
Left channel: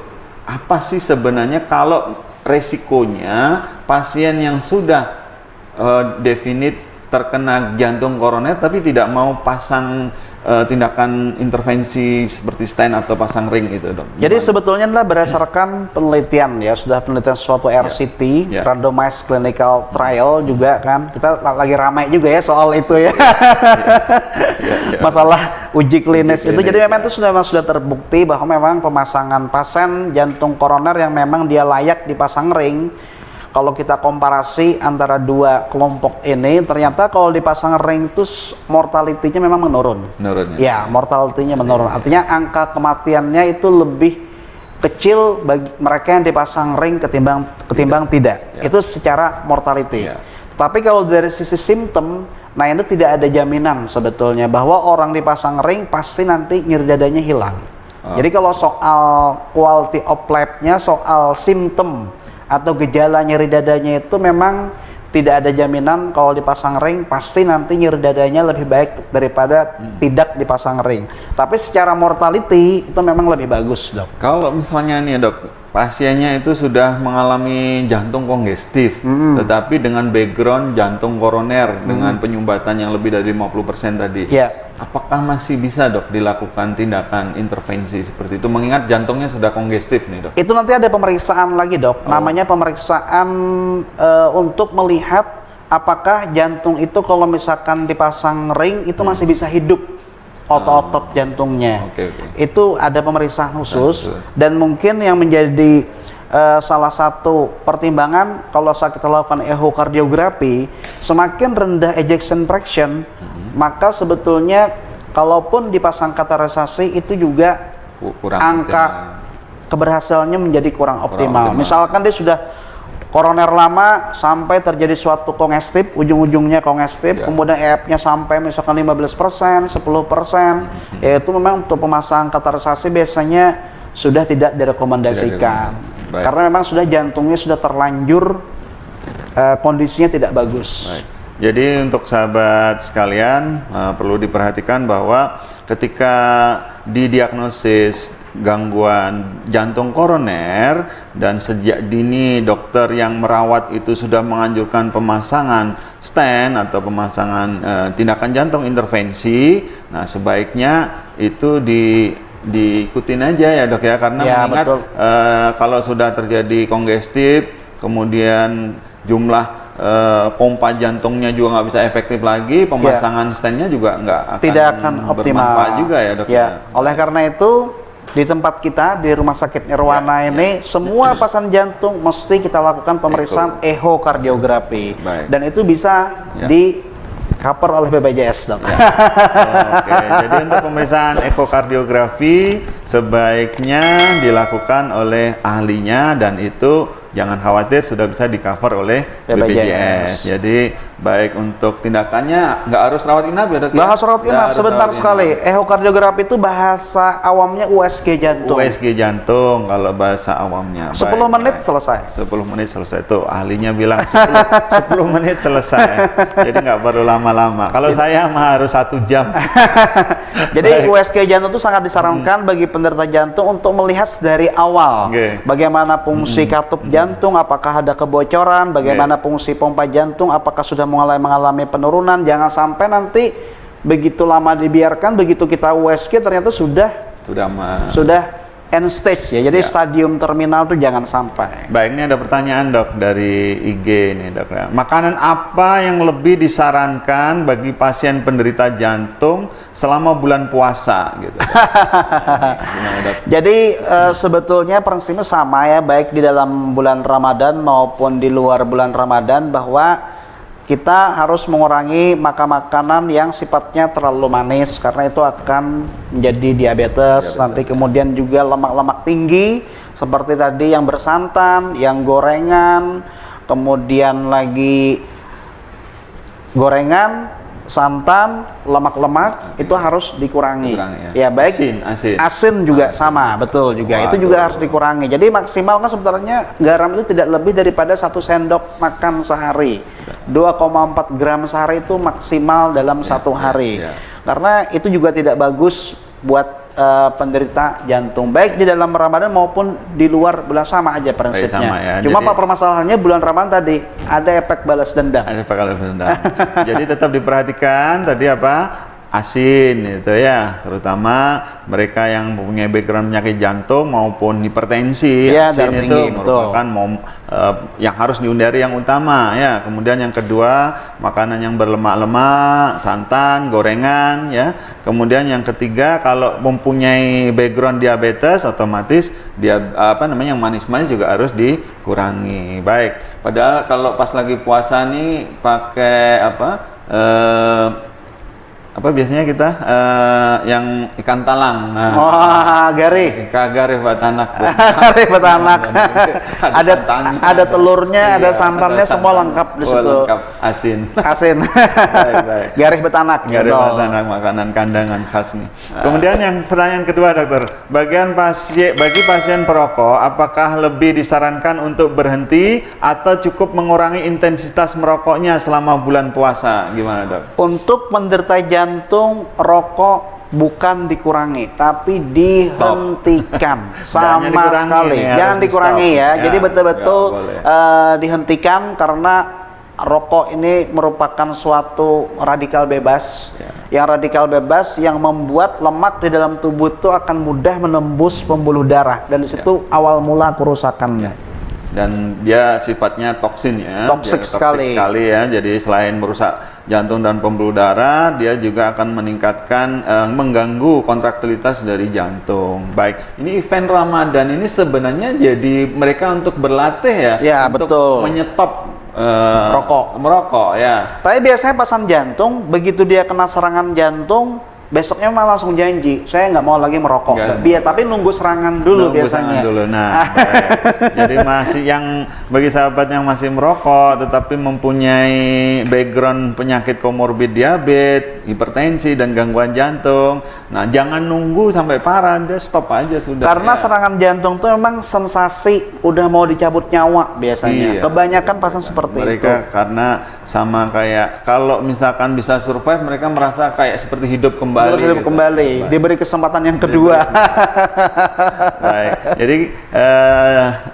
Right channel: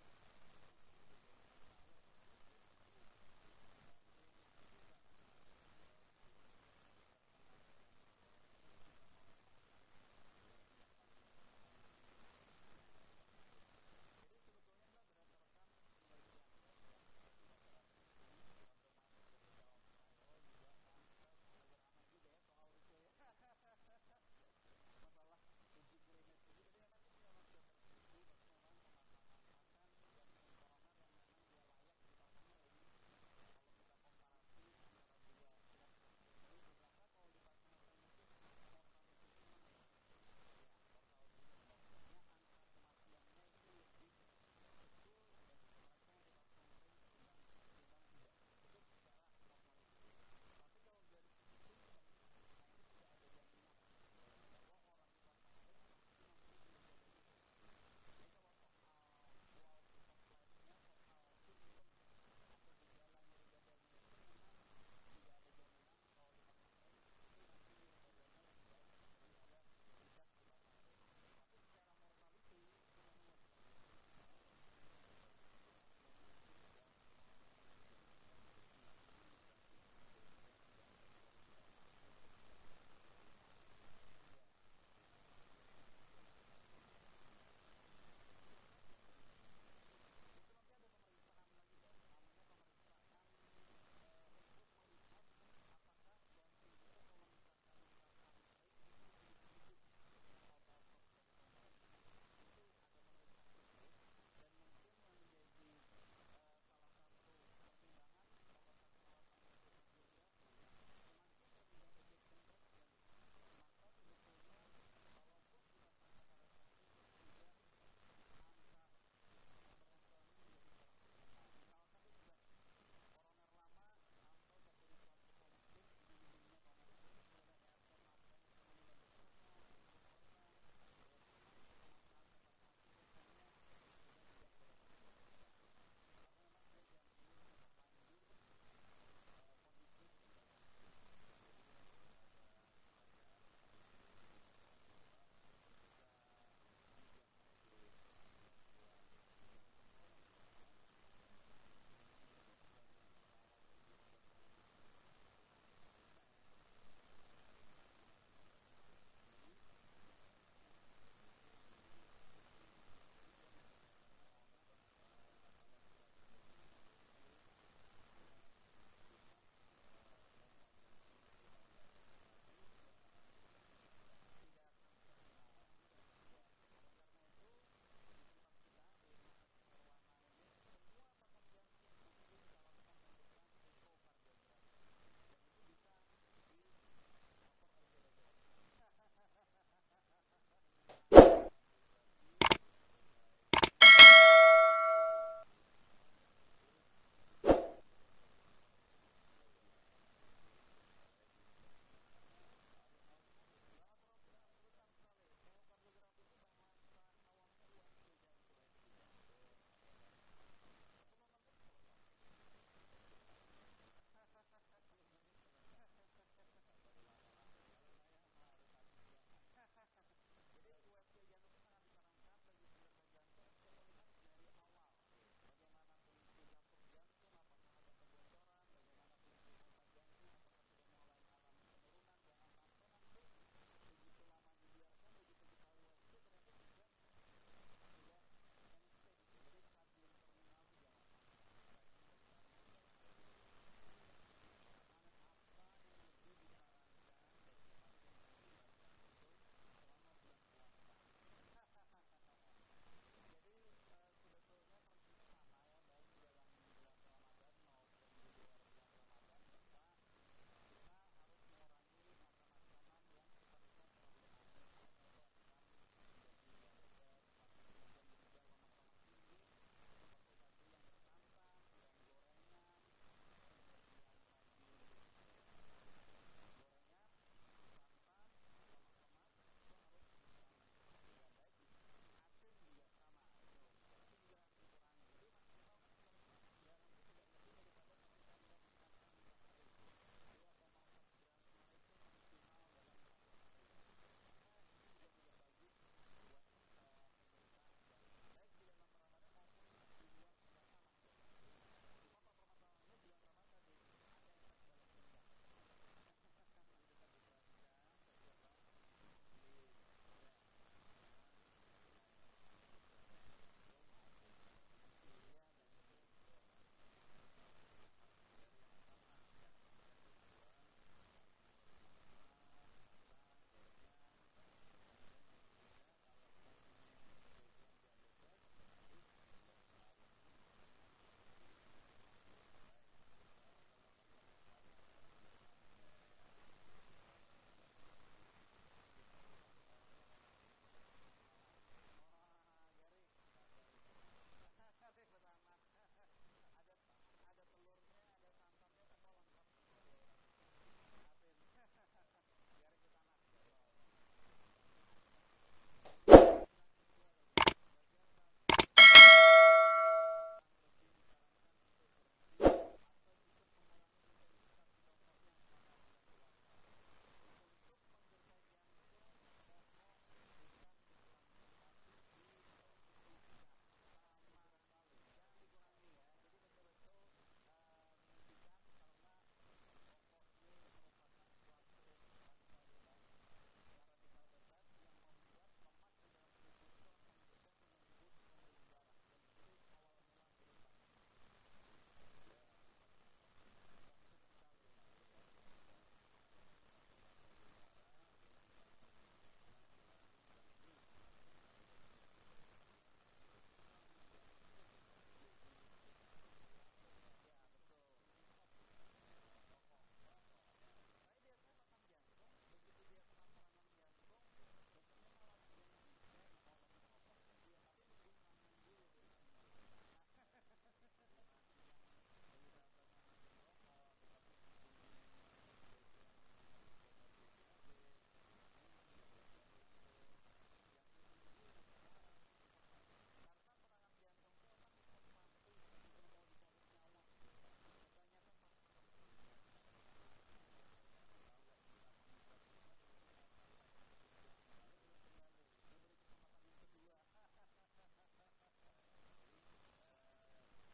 apa sih sebenarnya kalau resikonya pasien yang sudah definit terkena jantung koroner tapi tidak mau pasang tindakan intervensi seperti stent atau pasang ring itu dok? Jadi sebetulnya adalah berdasarkan penelitian ya, sudah penelitian suatu RCT, randomized clinical trial juga kan, kita lagi ramai juga ya soal itu ya, masalah uji klinis itu. Jadi memang itu sudah terbukti bahwa memang pemasangan pasien jantung koroner yang memang dia layak dipasang ring, kalau kita komparasi antara dua kelompok ini, ternyata kalau dipasang ring itu mortality-nya memang menurun. Ya, mortality-nya menurun. Artinya angka kematiannya itu lebih kecil bagi mereka yang dipasang ring ketimbang tidak. Itu secara mortality. Tapi kalau dari sisi simptom, nah itu tidak ada jaminan sebetulnya bahwa orang dipasang ring pasti nanti nyeri dadanya hilang. Jadi kalau soal quality of life-nya, soal simptom atau gejala nyeri dadanya itu memang tidak ada jaminan kalau dipasang ring pasti nanti nyeri dadanya lebih baik daripada tidak dipasang ring. Tapi secara mortality itu memang lebih bagus dok. Kalau misalnya nih dok, pasiennya itu sudah mengalami jantung kongestif, tetapi dengan background jantung koroner dengan penyumbatan yang lebih dari 50% tadi, apakah masih bisa dok dilakukan tindakan intervensi seperti itu mengingat jantungnya sudah kongestif nih dok? Itu nanti ada pemeriksaan lagi dok, namanya pemeriksaan untuk melihat apakah jantung itu kalau misalkan dipasang ring itu masih bisa hidup otot-otot jantungnya. Itu ada pemeriksaan khusus dan mungkin yang menjadi salah satu pertimbangan kalau saat kita lakukan echocardiografi, semakin rendah ejection fraction, maka sebetulnya kalaupun dipasang kateterisasi itu juga angka keberhasilannya menjadi kurang optimal. Misalkan dia sudah koroner lama sampai terjadi suatu kongestif, ujung-ujungnya kongestif, kemudian EF-nya sampai misalkan 15%, 10%, yaitu memang untuk pemasangan kateterisasi biasanya sudah tidak direkomendasikan. Baik. Karena memang sudah jantungnya sudah terlanjur kondisinya tidak bagus. Baik. Jadi untuk sahabat sekalian perlu diperhatikan bahwa ketika didiagnosis gangguan jantung koroner dan sejak dini dokter yang merawat itu sudah menganjurkan pemasangan stent atau pemasangan tindakan jantung intervensi, nah sebaiknya itu diikutin aja ya dok ya, karena Ya, mengingat kalau sudah terjadi kongestif kemudian jumlah pompa jantungnya juga nggak bisa efektif lagi, pemasangan stentnya juga tidak akan optimal bermanfaat juga ya dok. Ya, oleh karena itu di tempat kita di Rumah Sakit Nirwana ini semua pasien jantung mesti kita lakukan pemeriksaan ehokardiografi dan itu bisa di cover oleh BPJS dok. Oke, jadi untuk pemeriksaan ekokardiografi sebaiknya dilakukan oleh ahlinya dan itu jangan khawatir sudah bisa di cover oleh BPJS. Jadi baik untuk tindakannya nggak harus rawat inap ya dok? Nggak harus rawat inap, sebentar sekali. Ehokardiografi itu bahasa awamnya USG jantung. USG jantung kalau bahasa awamnya. 10 menit selesai. 10 menit selesai tuh ahlinya bilang 10 menit selesai. Jadi nggak perlu lama-lama. Kalau saya mah harus 1 jam. Jadi USG jantung itu sangat disarankan bagi penderita jantung untuk melihat dari awal bagaimana fungsi katup jantung, apakah ada kebocoran, bagaimana fungsi pompa jantung, apakah sudah mengalami penurunan. Jangan sampai nanti begitu lama dibiarkan, begitu kita USG ternyata sudah end stage ya. Jadi stadium terminal tuh jangan sampai. Baik, ini ada pertanyaan dok dari IG nih dok. Makanan apa yang lebih disarankan bagi pasien penderita jantung selama bulan puasa gitu? Gimana, dok? Jadi sebetulnya prinsipnya sama ya, baik di dalam bulan Ramadan maupun di luar bulan Ramadan, bahwa kita harus mengurangi makanan yang sifatnya terlalu manis karena itu akan menjadi diabetes. Nanti kemudian juga lemak-lemak tinggi seperti tadi yang bersantan, yang gorengan, kemudian lagi gorengan, santan, lemak-lemak itu harus dikurangi. Ya baik. Asin juga sama, betul juga. Itu juga harus dikurangi. Jadi maksimal kan sebenarnya garam itu tidak lebih daripada 1 sendok makan sehari. 2,4 gram sehari itu maksimal dalam 1 hari. Karena itu juga tidak bagus buat penderita jantung, baik di dalam Ramadan maupun di luar bulan, sama aja prinsipnya. Sama ya. Cuma Pak permasalahannya bulan Ramadan tadi ada efek balas dendam. Ada efek balas dendam. Jadi tetap diperhatikan tadi apa? Asin itu ya, terutama mereka yang mempunyai background penyakit jantung maupun hipertensi. Ya, asin itu tinggi, merupakan yang harus dihindari yang utama ya. Kemudian yang kedua, makanan yang berlemak-lemak, santan, gorengan ya. Kemudian yang ketiga, kalau mempunyai background diabetes otomatis dia yang manis-manis juga harus dikurangi. Baik. Padahal kalau pas lagi puasa nih pakai apa biasanya kita yang ikan talang. Garih. Garih batanak. Garih batanak. Ada telurnya, ada santannya, semua lengkap di situ. Lengkap, asin. Baik. Garih batanak. Garih batanak, makanan kandangan khas nih. Kemudian yang pertanyaan kedua dokter, bagi pasien perokok, apakah lebih disarankan untuk berhenti atau cukup mengurangi intensitas merokoknya selama bulan puasa? Gimana dok? Untuk menderita jantung, rokok bukan dikurangi, tapi dihentikan sama sekali. Jangan dikurangi ya. Jadi betul-betul dihentikan, karena rokok ini merupakan suatu radikal bebas. Yang radikal bebas yang membuat lemak di dalam tubuh itu akan mudah menembus pembuluh darah, dan di situ awal mula kerusakannya. Dan dia sifatnya toksin ya, toksik sekali ya. Jadi selain merusak jantung dan pembuluh darah, dia juga akan meningkatkan mengganggu kontraktilitas dari jantung. Baik, ini event Ramadan ini sebenarnya jadi mereka untuk berlatih ya, untuk menyetop merokok ya. Tapi biasanya pasien jantung begitu dia kena serangan jantung, besoknya malah langsung janji, saya nggak mau lagi merokok. Tapi nunggu serangan dulu biasanya. Serangan dulu. Nah, baik. Jadi masih bagi sahabat yang masih merokok tetapi mempunyai background penyakit komorbid diabetes, hipertensi dan gangguan jantung. Nah, jangan nunggu sampai parah, dia stop aja sudah. Karena serangan jantung tuh memang sensasi udah mau dicabut nyawa biasanya. Kebanyakan pasien seperti mereka itu. Karena sama kayak kalau misalkan bisa survive, mereka merasa kayak seperti hidup kembali. Diberi kesempatan yang kedua. Baik, jadi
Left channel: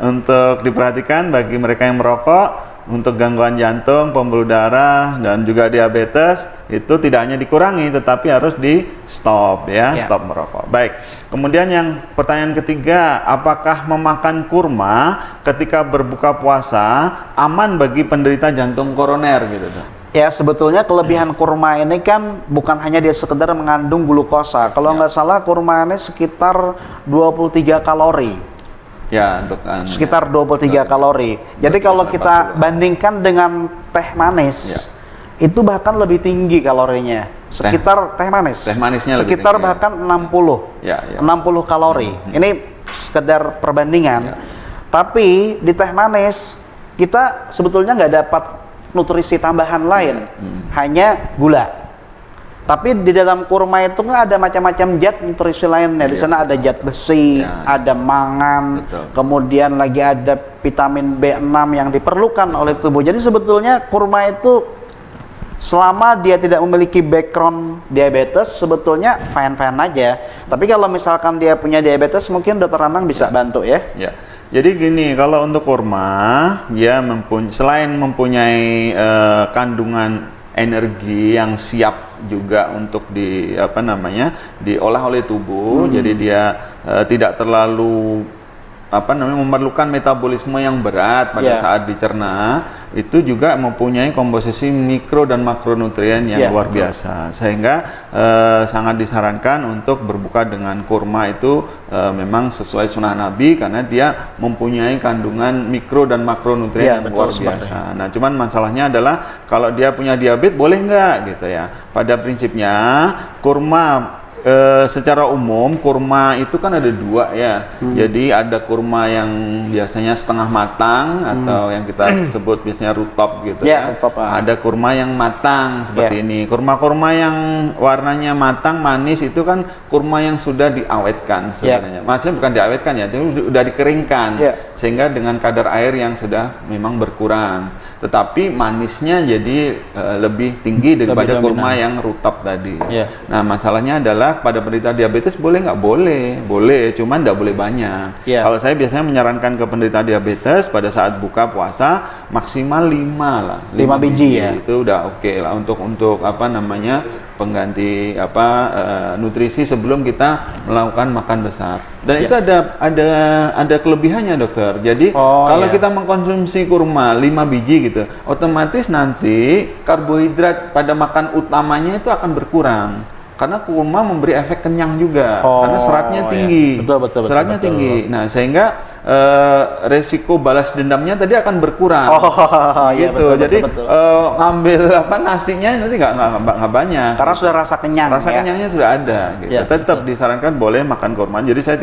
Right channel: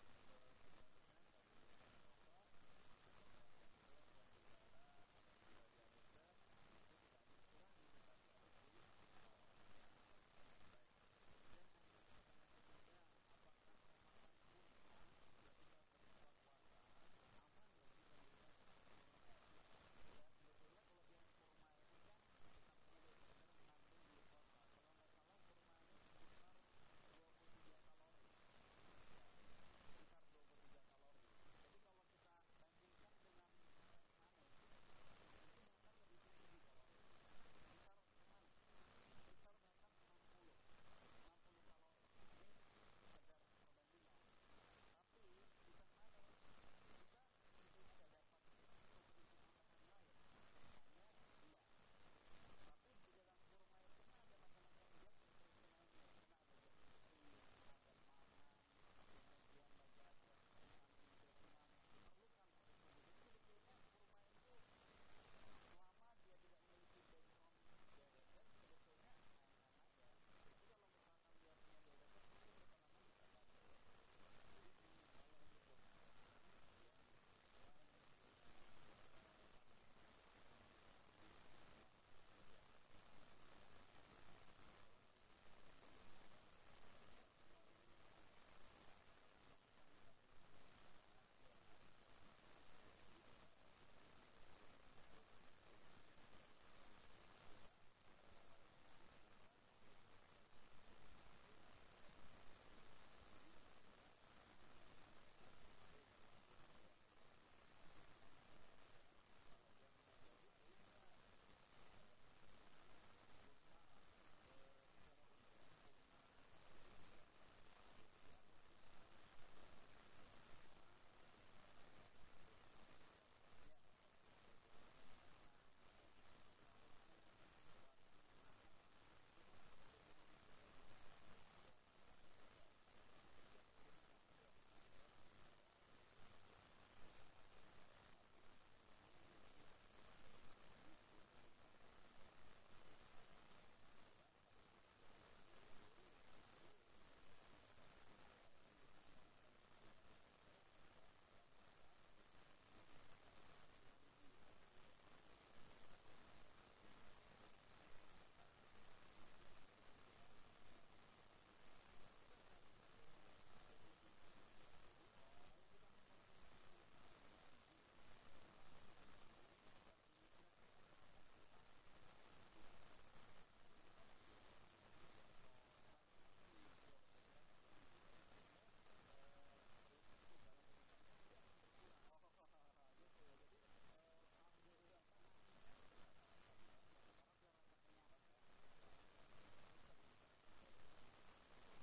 untuk diperhatikan bagi mereka yang merokok, untuk gangguan jantung, pembuluh darah, dan juga diabetes, itu tidak hanya dikurangi, tetapi harus di stop ya, stop merokok. Baik, kemudian yang pertanyaan ketiga, apakah memakan kurma ketika berbuka puasa aman bagi penderita jantung koroner gitu tuh? Ya, sebetulnya kelebihan kurma ini kan bukan hanya dia sekedar mengandung glukosa. Kalau nggak salah kurma ini sekitar 23 kalori. Ya, untuk sekitar 23 kalori. Jadi kalau kita bandingkan dengan teh manis, itu bahkan lebih tinggi kalorinya. Sekitar teh manis. Teh manisnya sekitar lebih tinggi, bahkan 60. 60 kalori. Ini sekedar perbandingan. Tapi di teh manis kita sebetulnya nggak dapat nutrisi tambahan lain, hanya gula. Tapi di dalam kurma itu kan ada macam-macam zat nutrisi lainnya. Di sana ada zat besi, ada mangan, kemudian lagi ada vitamin B6 yang diperlukan oleh tubuh. Jadi sebetulnya kurma itu selama dia tidak memiliki background diabetes, sebetulnya fine-fine aja. Tapi kalau misalkan dia punya diabetes, mungkin dokter Anang bisa bantu ya. Jadi gini, kalau untuk kurma, dia selain mempunyai kandungan energi yang siap juga untuk diolah oleh tubuh, jadi dia tidak terlalu memerlukan metabolisme yang berat pada saat dicerna, itu juga mempunyai komposisi mikro dan makronutrien yang luar biasa, sehingga sangat disarankan untuk berbuka dengan kurma itu memang sesuai sunnah Nabi, karena dia mempunyai kandungan mikro dan makronutrien yang luar biasa. Nah, cuman masalahnya adalah kalau dia punya diabetes boleh nggak gitu ya. Pada prinsipnya kurma secara umum kurma itu kan ada dua ya. Jadi ada kurma yang biasanya setengah matang atau yang kita sebut biasanya rutop gitu ya. Ada kurma yang matang seperti ini. Kurma-kurma yang warnanya matang manis itu kan kurma yang sudah diawetkan sebenarnya. Maksudnya bukan diawetkan ya, itu sudah dikeringkan sehingga dengan kadar air yang sudah memang berkurang. Tetapi manisnya jadi lebih tinggi daripada kurma yang rutop tadi. Nah, masalahnya adalah pada penderita diabetes boleh nggak? Boleh, cuman nggak boleh banyak. Kalau saya biasanya menyarankan ke penderita diabetes pada saat buka puasa maksimal 5 biji ya. Itu udah oke lah untuk pengganti nutrisi sebelum kita melakukan makan besar. Dan itu ada kelebihannya, dokter. Jadi kalau kita mengkonsumsi kurma 5 biji gitu, otomatis nanti karbohidrat pada makan utamanya itu akan berkurang. Karena kurma memberi efek kenyang juga, karena seratnya tinggi. Seratnya tinggi. Nah, sehingga resiko balas dendamnya tadi akan berkurang. Jadi ngambil nasinya nanti nggak banyak. Karena sudah rasa kenyang. Rasa kenyangnya sudah ada. Gitu. Tetap disarankan boleh makan kurma. Jadi saya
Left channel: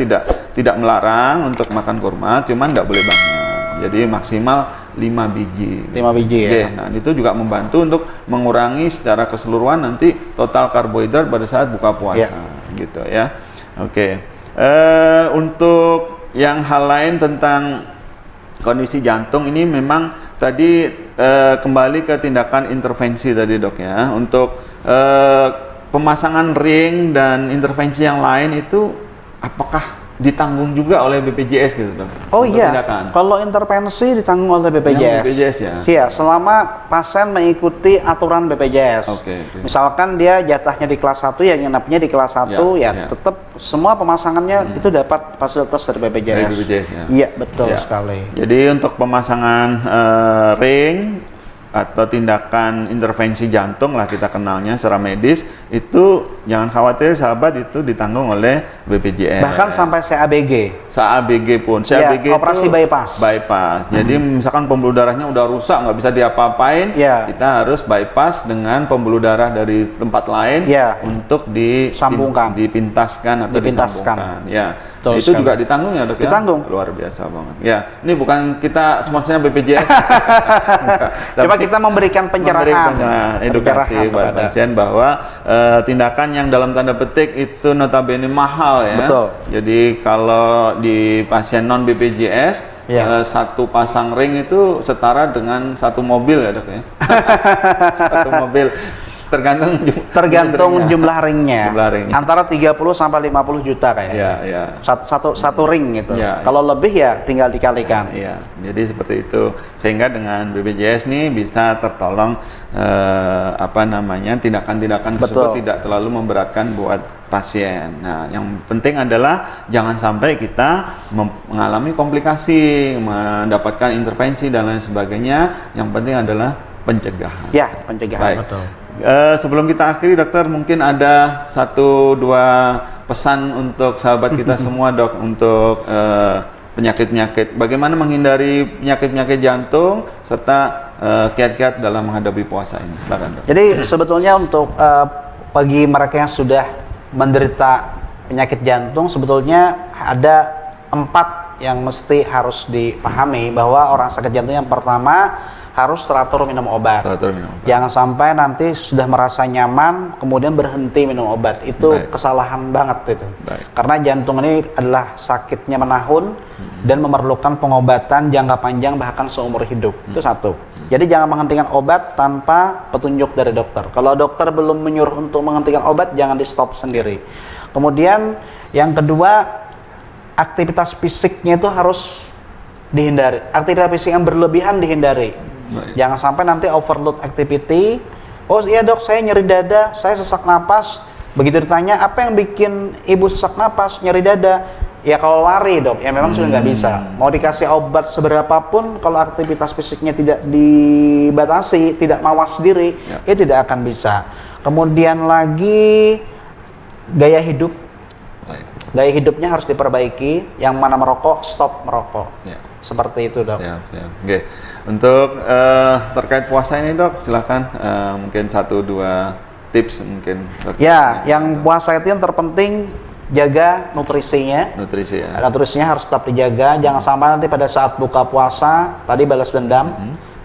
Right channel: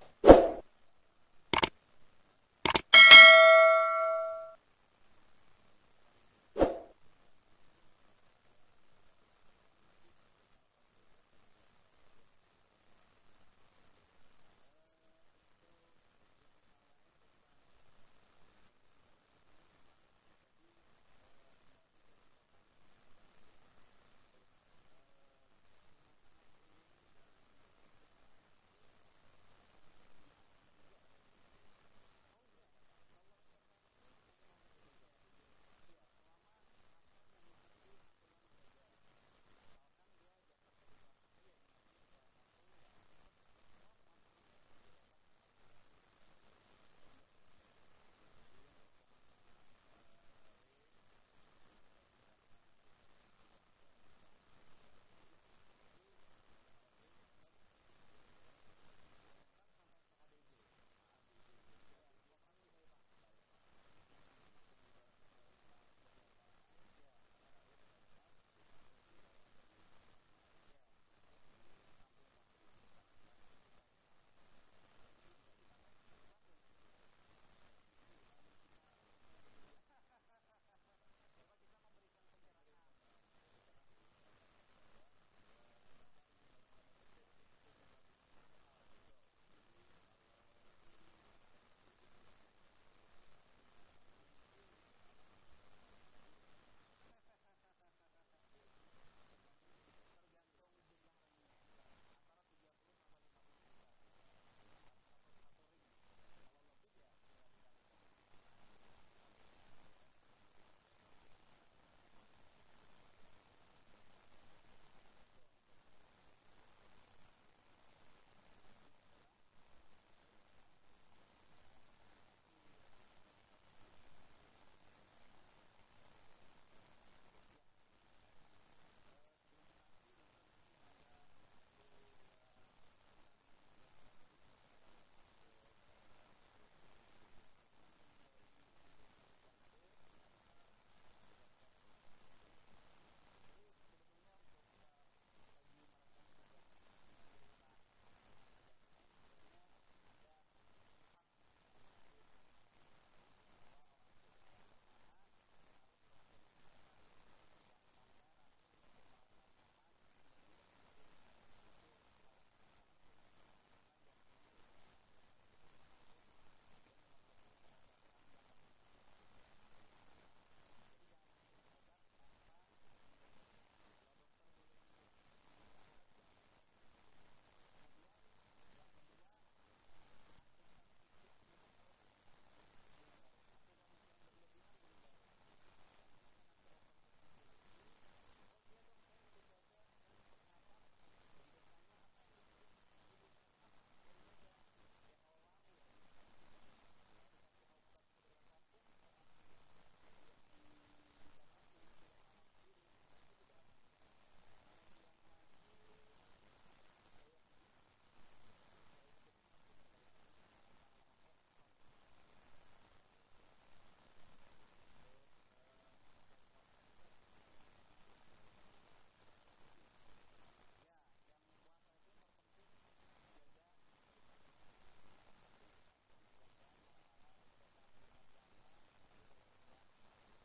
tidak melarang untuk makan kurma, cuman nggak boleh banyak. Jadi maksimal 5 biji. 5 biji ya. Nah, itu juga membantu untuk mengurangi secara keseluruhan nanti total karbohidrat pada saat buka puasa, gitu ya. Untuk yang hal lain tentang kondisi jantung ini memang tadi kembali ke tindakan intervensi tadi, Dok ya. Untuk pemasangan ring dan intervensi yang lain itu apakah ditanggung juga oleh BPJS gitu, Dok? Kalau intervensi ditanggung oleh BPJS. BPJS ya? Iya, selama pasien mengikuti aturan BPJS. Misalkan dia jatahnya di kelas 1, ya nginapnya di kelas 1, tetap semua pemasangannya itu dapat fasilitas dari BPJS. Dari BPJS ya? Iya, betul sekali. Jadi untuk pemasangan ring atau tindakan intervensi jantung lah kita kenalnya secara medis, itu jangan khawatir sahabat, itu ditanggung oleh BPJS. Bahkan sampai CABG. CABG pun. CABG ya, operasi itu bypass. Jadi misalkan pembuluh darahnya udah rusak, nggak bisa diapa-apain, ya, kita harus bypass dengan pembuluh darah dari tempat lain untuk dipintaskan atau disambungkan. Ya. Nah, itu juga ditanggung ya dok ya? Ditanggung. Luar biasa banget. Ya, ini bukan kita sponsornya BPJS. Coba kita memberikan pencerahan, edukasi buat pasien bahwa tindakan yang dalam tanda petik itu notabene mahal ya. Betul. Jadi kalau di pasien non BPJS satu pasang ring itu setara dengan satu mobil ya dok ya. Satu mobil. Tergantung jumlah ringnya. Antara 30 sampai 50 juta kayaknya. Satu ring gitu. Kalau lebih ya tinggal dikalikan. Jadi seperti itu. Sehingga dengan BPJS nih bisa tertolong tindakan-tindakan tersebut tidak terlalu memberatkan buat pasien. Nah, yang penting adalah jangan sampai kita mengalami komplikasi, mendapatkan intervensi dan lain sebagainya. Yang penting adalah pencegahan. Ya, pencegahan. Baik. Betul. Sebelum kita akhiri dokter, mungkin ada 1-2 pesan untuk sahabat kita semua dok, untuk penyakit-penyakit, bagaimana menghindari penyakit-penyakit jantung serta kiat-kiat dalam menghadapi puasa ini. Silakan dok. Jadi sebetulnya untuk bagi mereka yang sudah menderita penyakit jantung, sebetulnya ada 4 yang mesti harus dipahami, bahwa orang sakit jantung yang pertama harus teratur minum obat. Jangan sampai nanti sudah merasa nyaman kemudian berhenti minum obat. Itu kesalahan banget itu. Karena jantung ini adalah sakitnya menahun dan memerlukan pengobatan jangka panjang bahkan seumur hidup. Itu satu. Jadi jangan menghentikan obat tanpa petunjuk dari dokter. Kalau dokter belum menyuruh untuk menghentikan obat, jangan di stop sendiri. Kemudian yang kedua, aktivitas fisiknya itu harus dihindari. Aktivitas fisik yang berlebihan dihindari. Jangan sampai nanti overload activity. Oh iya dok, saya nyeri dada, saya sesak napas. Begitu ditanya, apa yang bikin ibu sesak napas, nyeri dada? Ya kalau lari dok, ya memang sudah nggak bisa. Mau dikasih obat seberapapun, kalau aktivitas fisiknya tidak dibatasi, tidak mawas diri, ya tidak akan bisa. Kemudian lagi gaya hidup. Gaya hidupnya harus diperbaiki. Yang mana merokok, stop merokok. Seperti itu dok. Siap. Oke. Untuk terkait puasa ini dok, silakan mungkin 1-2 tips mungkin. Yang puasa itu yang terpenting jaga nutrisinya. Nutrisinya harus tetap dijaga. Jangan sampai nanti pada saat buka puasa tadi balas dendam.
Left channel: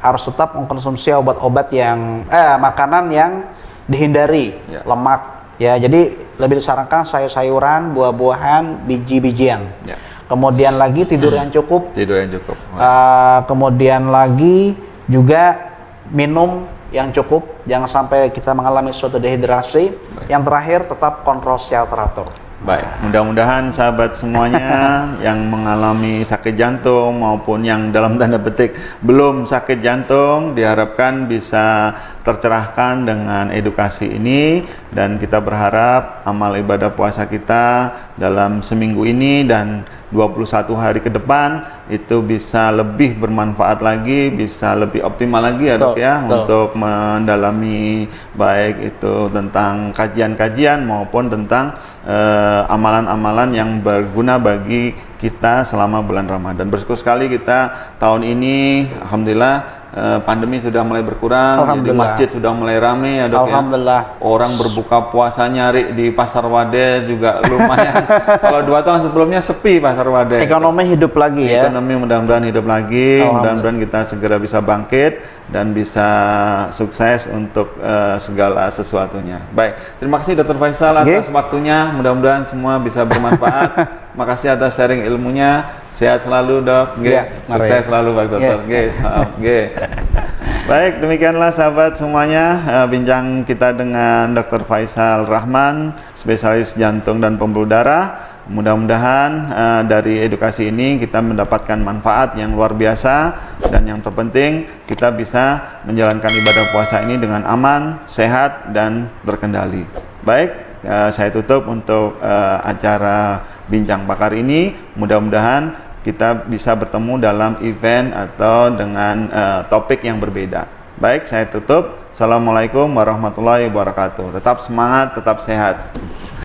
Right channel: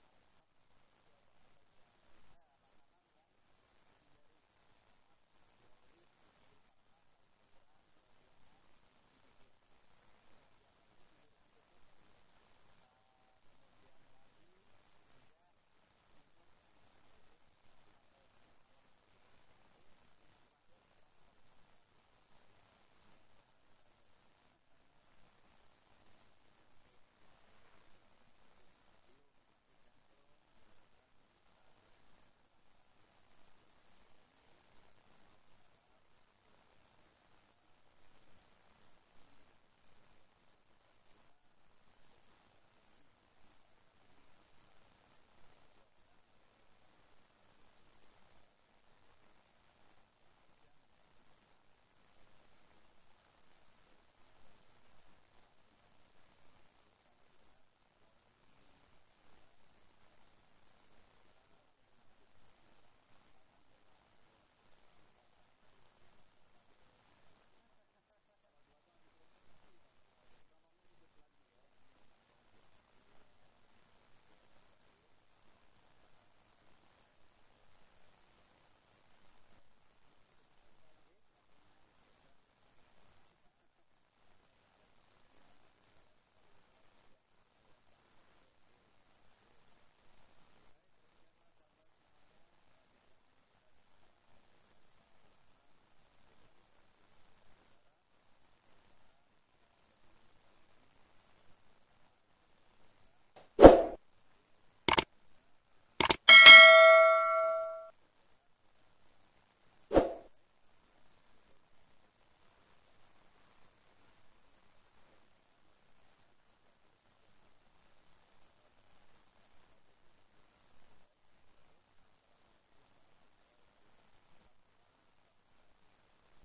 Harus tetap mengkonsumsi obat-obat yang makanan yang dihindari lemak. Ya, jadi lebih disarankan sayur-sayuran, buah-buahan, biji-bijian. Kemudian lagi tidur yang cukup. Kemudian lagi juga minum yang cukup. Jangan sampai kita mengalami suatu dehidrasi. Yang terakhir tetap kontrol secara teratur. Baik, mudah-mudahan sahabat semuanya yang mengalami sakit jantung maupun yang dalam tanda petik belum sakit jantung diharapkan bisa tercerahkan dengan edukasi ini, dan kita berharap amal ibadah puasa kita dalam seminggu ini dan 21 hari ke depan itu bisa lebih bermanfaat lagi, bisa lebih optimal lagi ya dok ya, untuk mendalami baik itu tentang kajian-kajian maupun tentang amalan-amalan yang berguna bagi kita selama bulan Ramadan. Bersyukur sekali kita tahun ini alhamdulillah pandemi sudah mulai berkurang, jadi masjid sudah mulai ramai ya dok ya. Orang berbuka puasa nyari di Pasar Wadas juga lumayan. Kalau 2 tahun sebelumnya sepi Pasar Wadas. Ekonomi hidup lagi ya. Ekonomi mudah-mudahan hidup lagi, mudah-mudahan kita segera bisa bangkit dan bisa sukses untuk segala sesuatunya. Baik, terima kasih Dr. Faisal atas waktunya, mudah-mudahan semua bisa bermanfaat. Makasih atas sharing ilmunya. Sehat selalu dok, sukses selalu Pak Dokter. Baik, demikianlah sahabat semuanya bincang kita dengan Dr. Faisal Rahman, spesialis jantung dan pembuluh darah. Mudah-mudahan dari edukasi ini kita mendapatkan manfaat yang luar biasa, dan yang terpenting kita bisa menjalankan ibadah puasa ini dengan aman, sehat, dan terkendali. Baik, saya tutup untuk acara bincang pakar ini. Mudah-mudahan kita bisa bertemu dalam event atau dengan topik yang berbeda. Baik, saya tutup. Assalamualaikum warahmatullahi wabarakatuh. Tetap semangat, tetap sehat.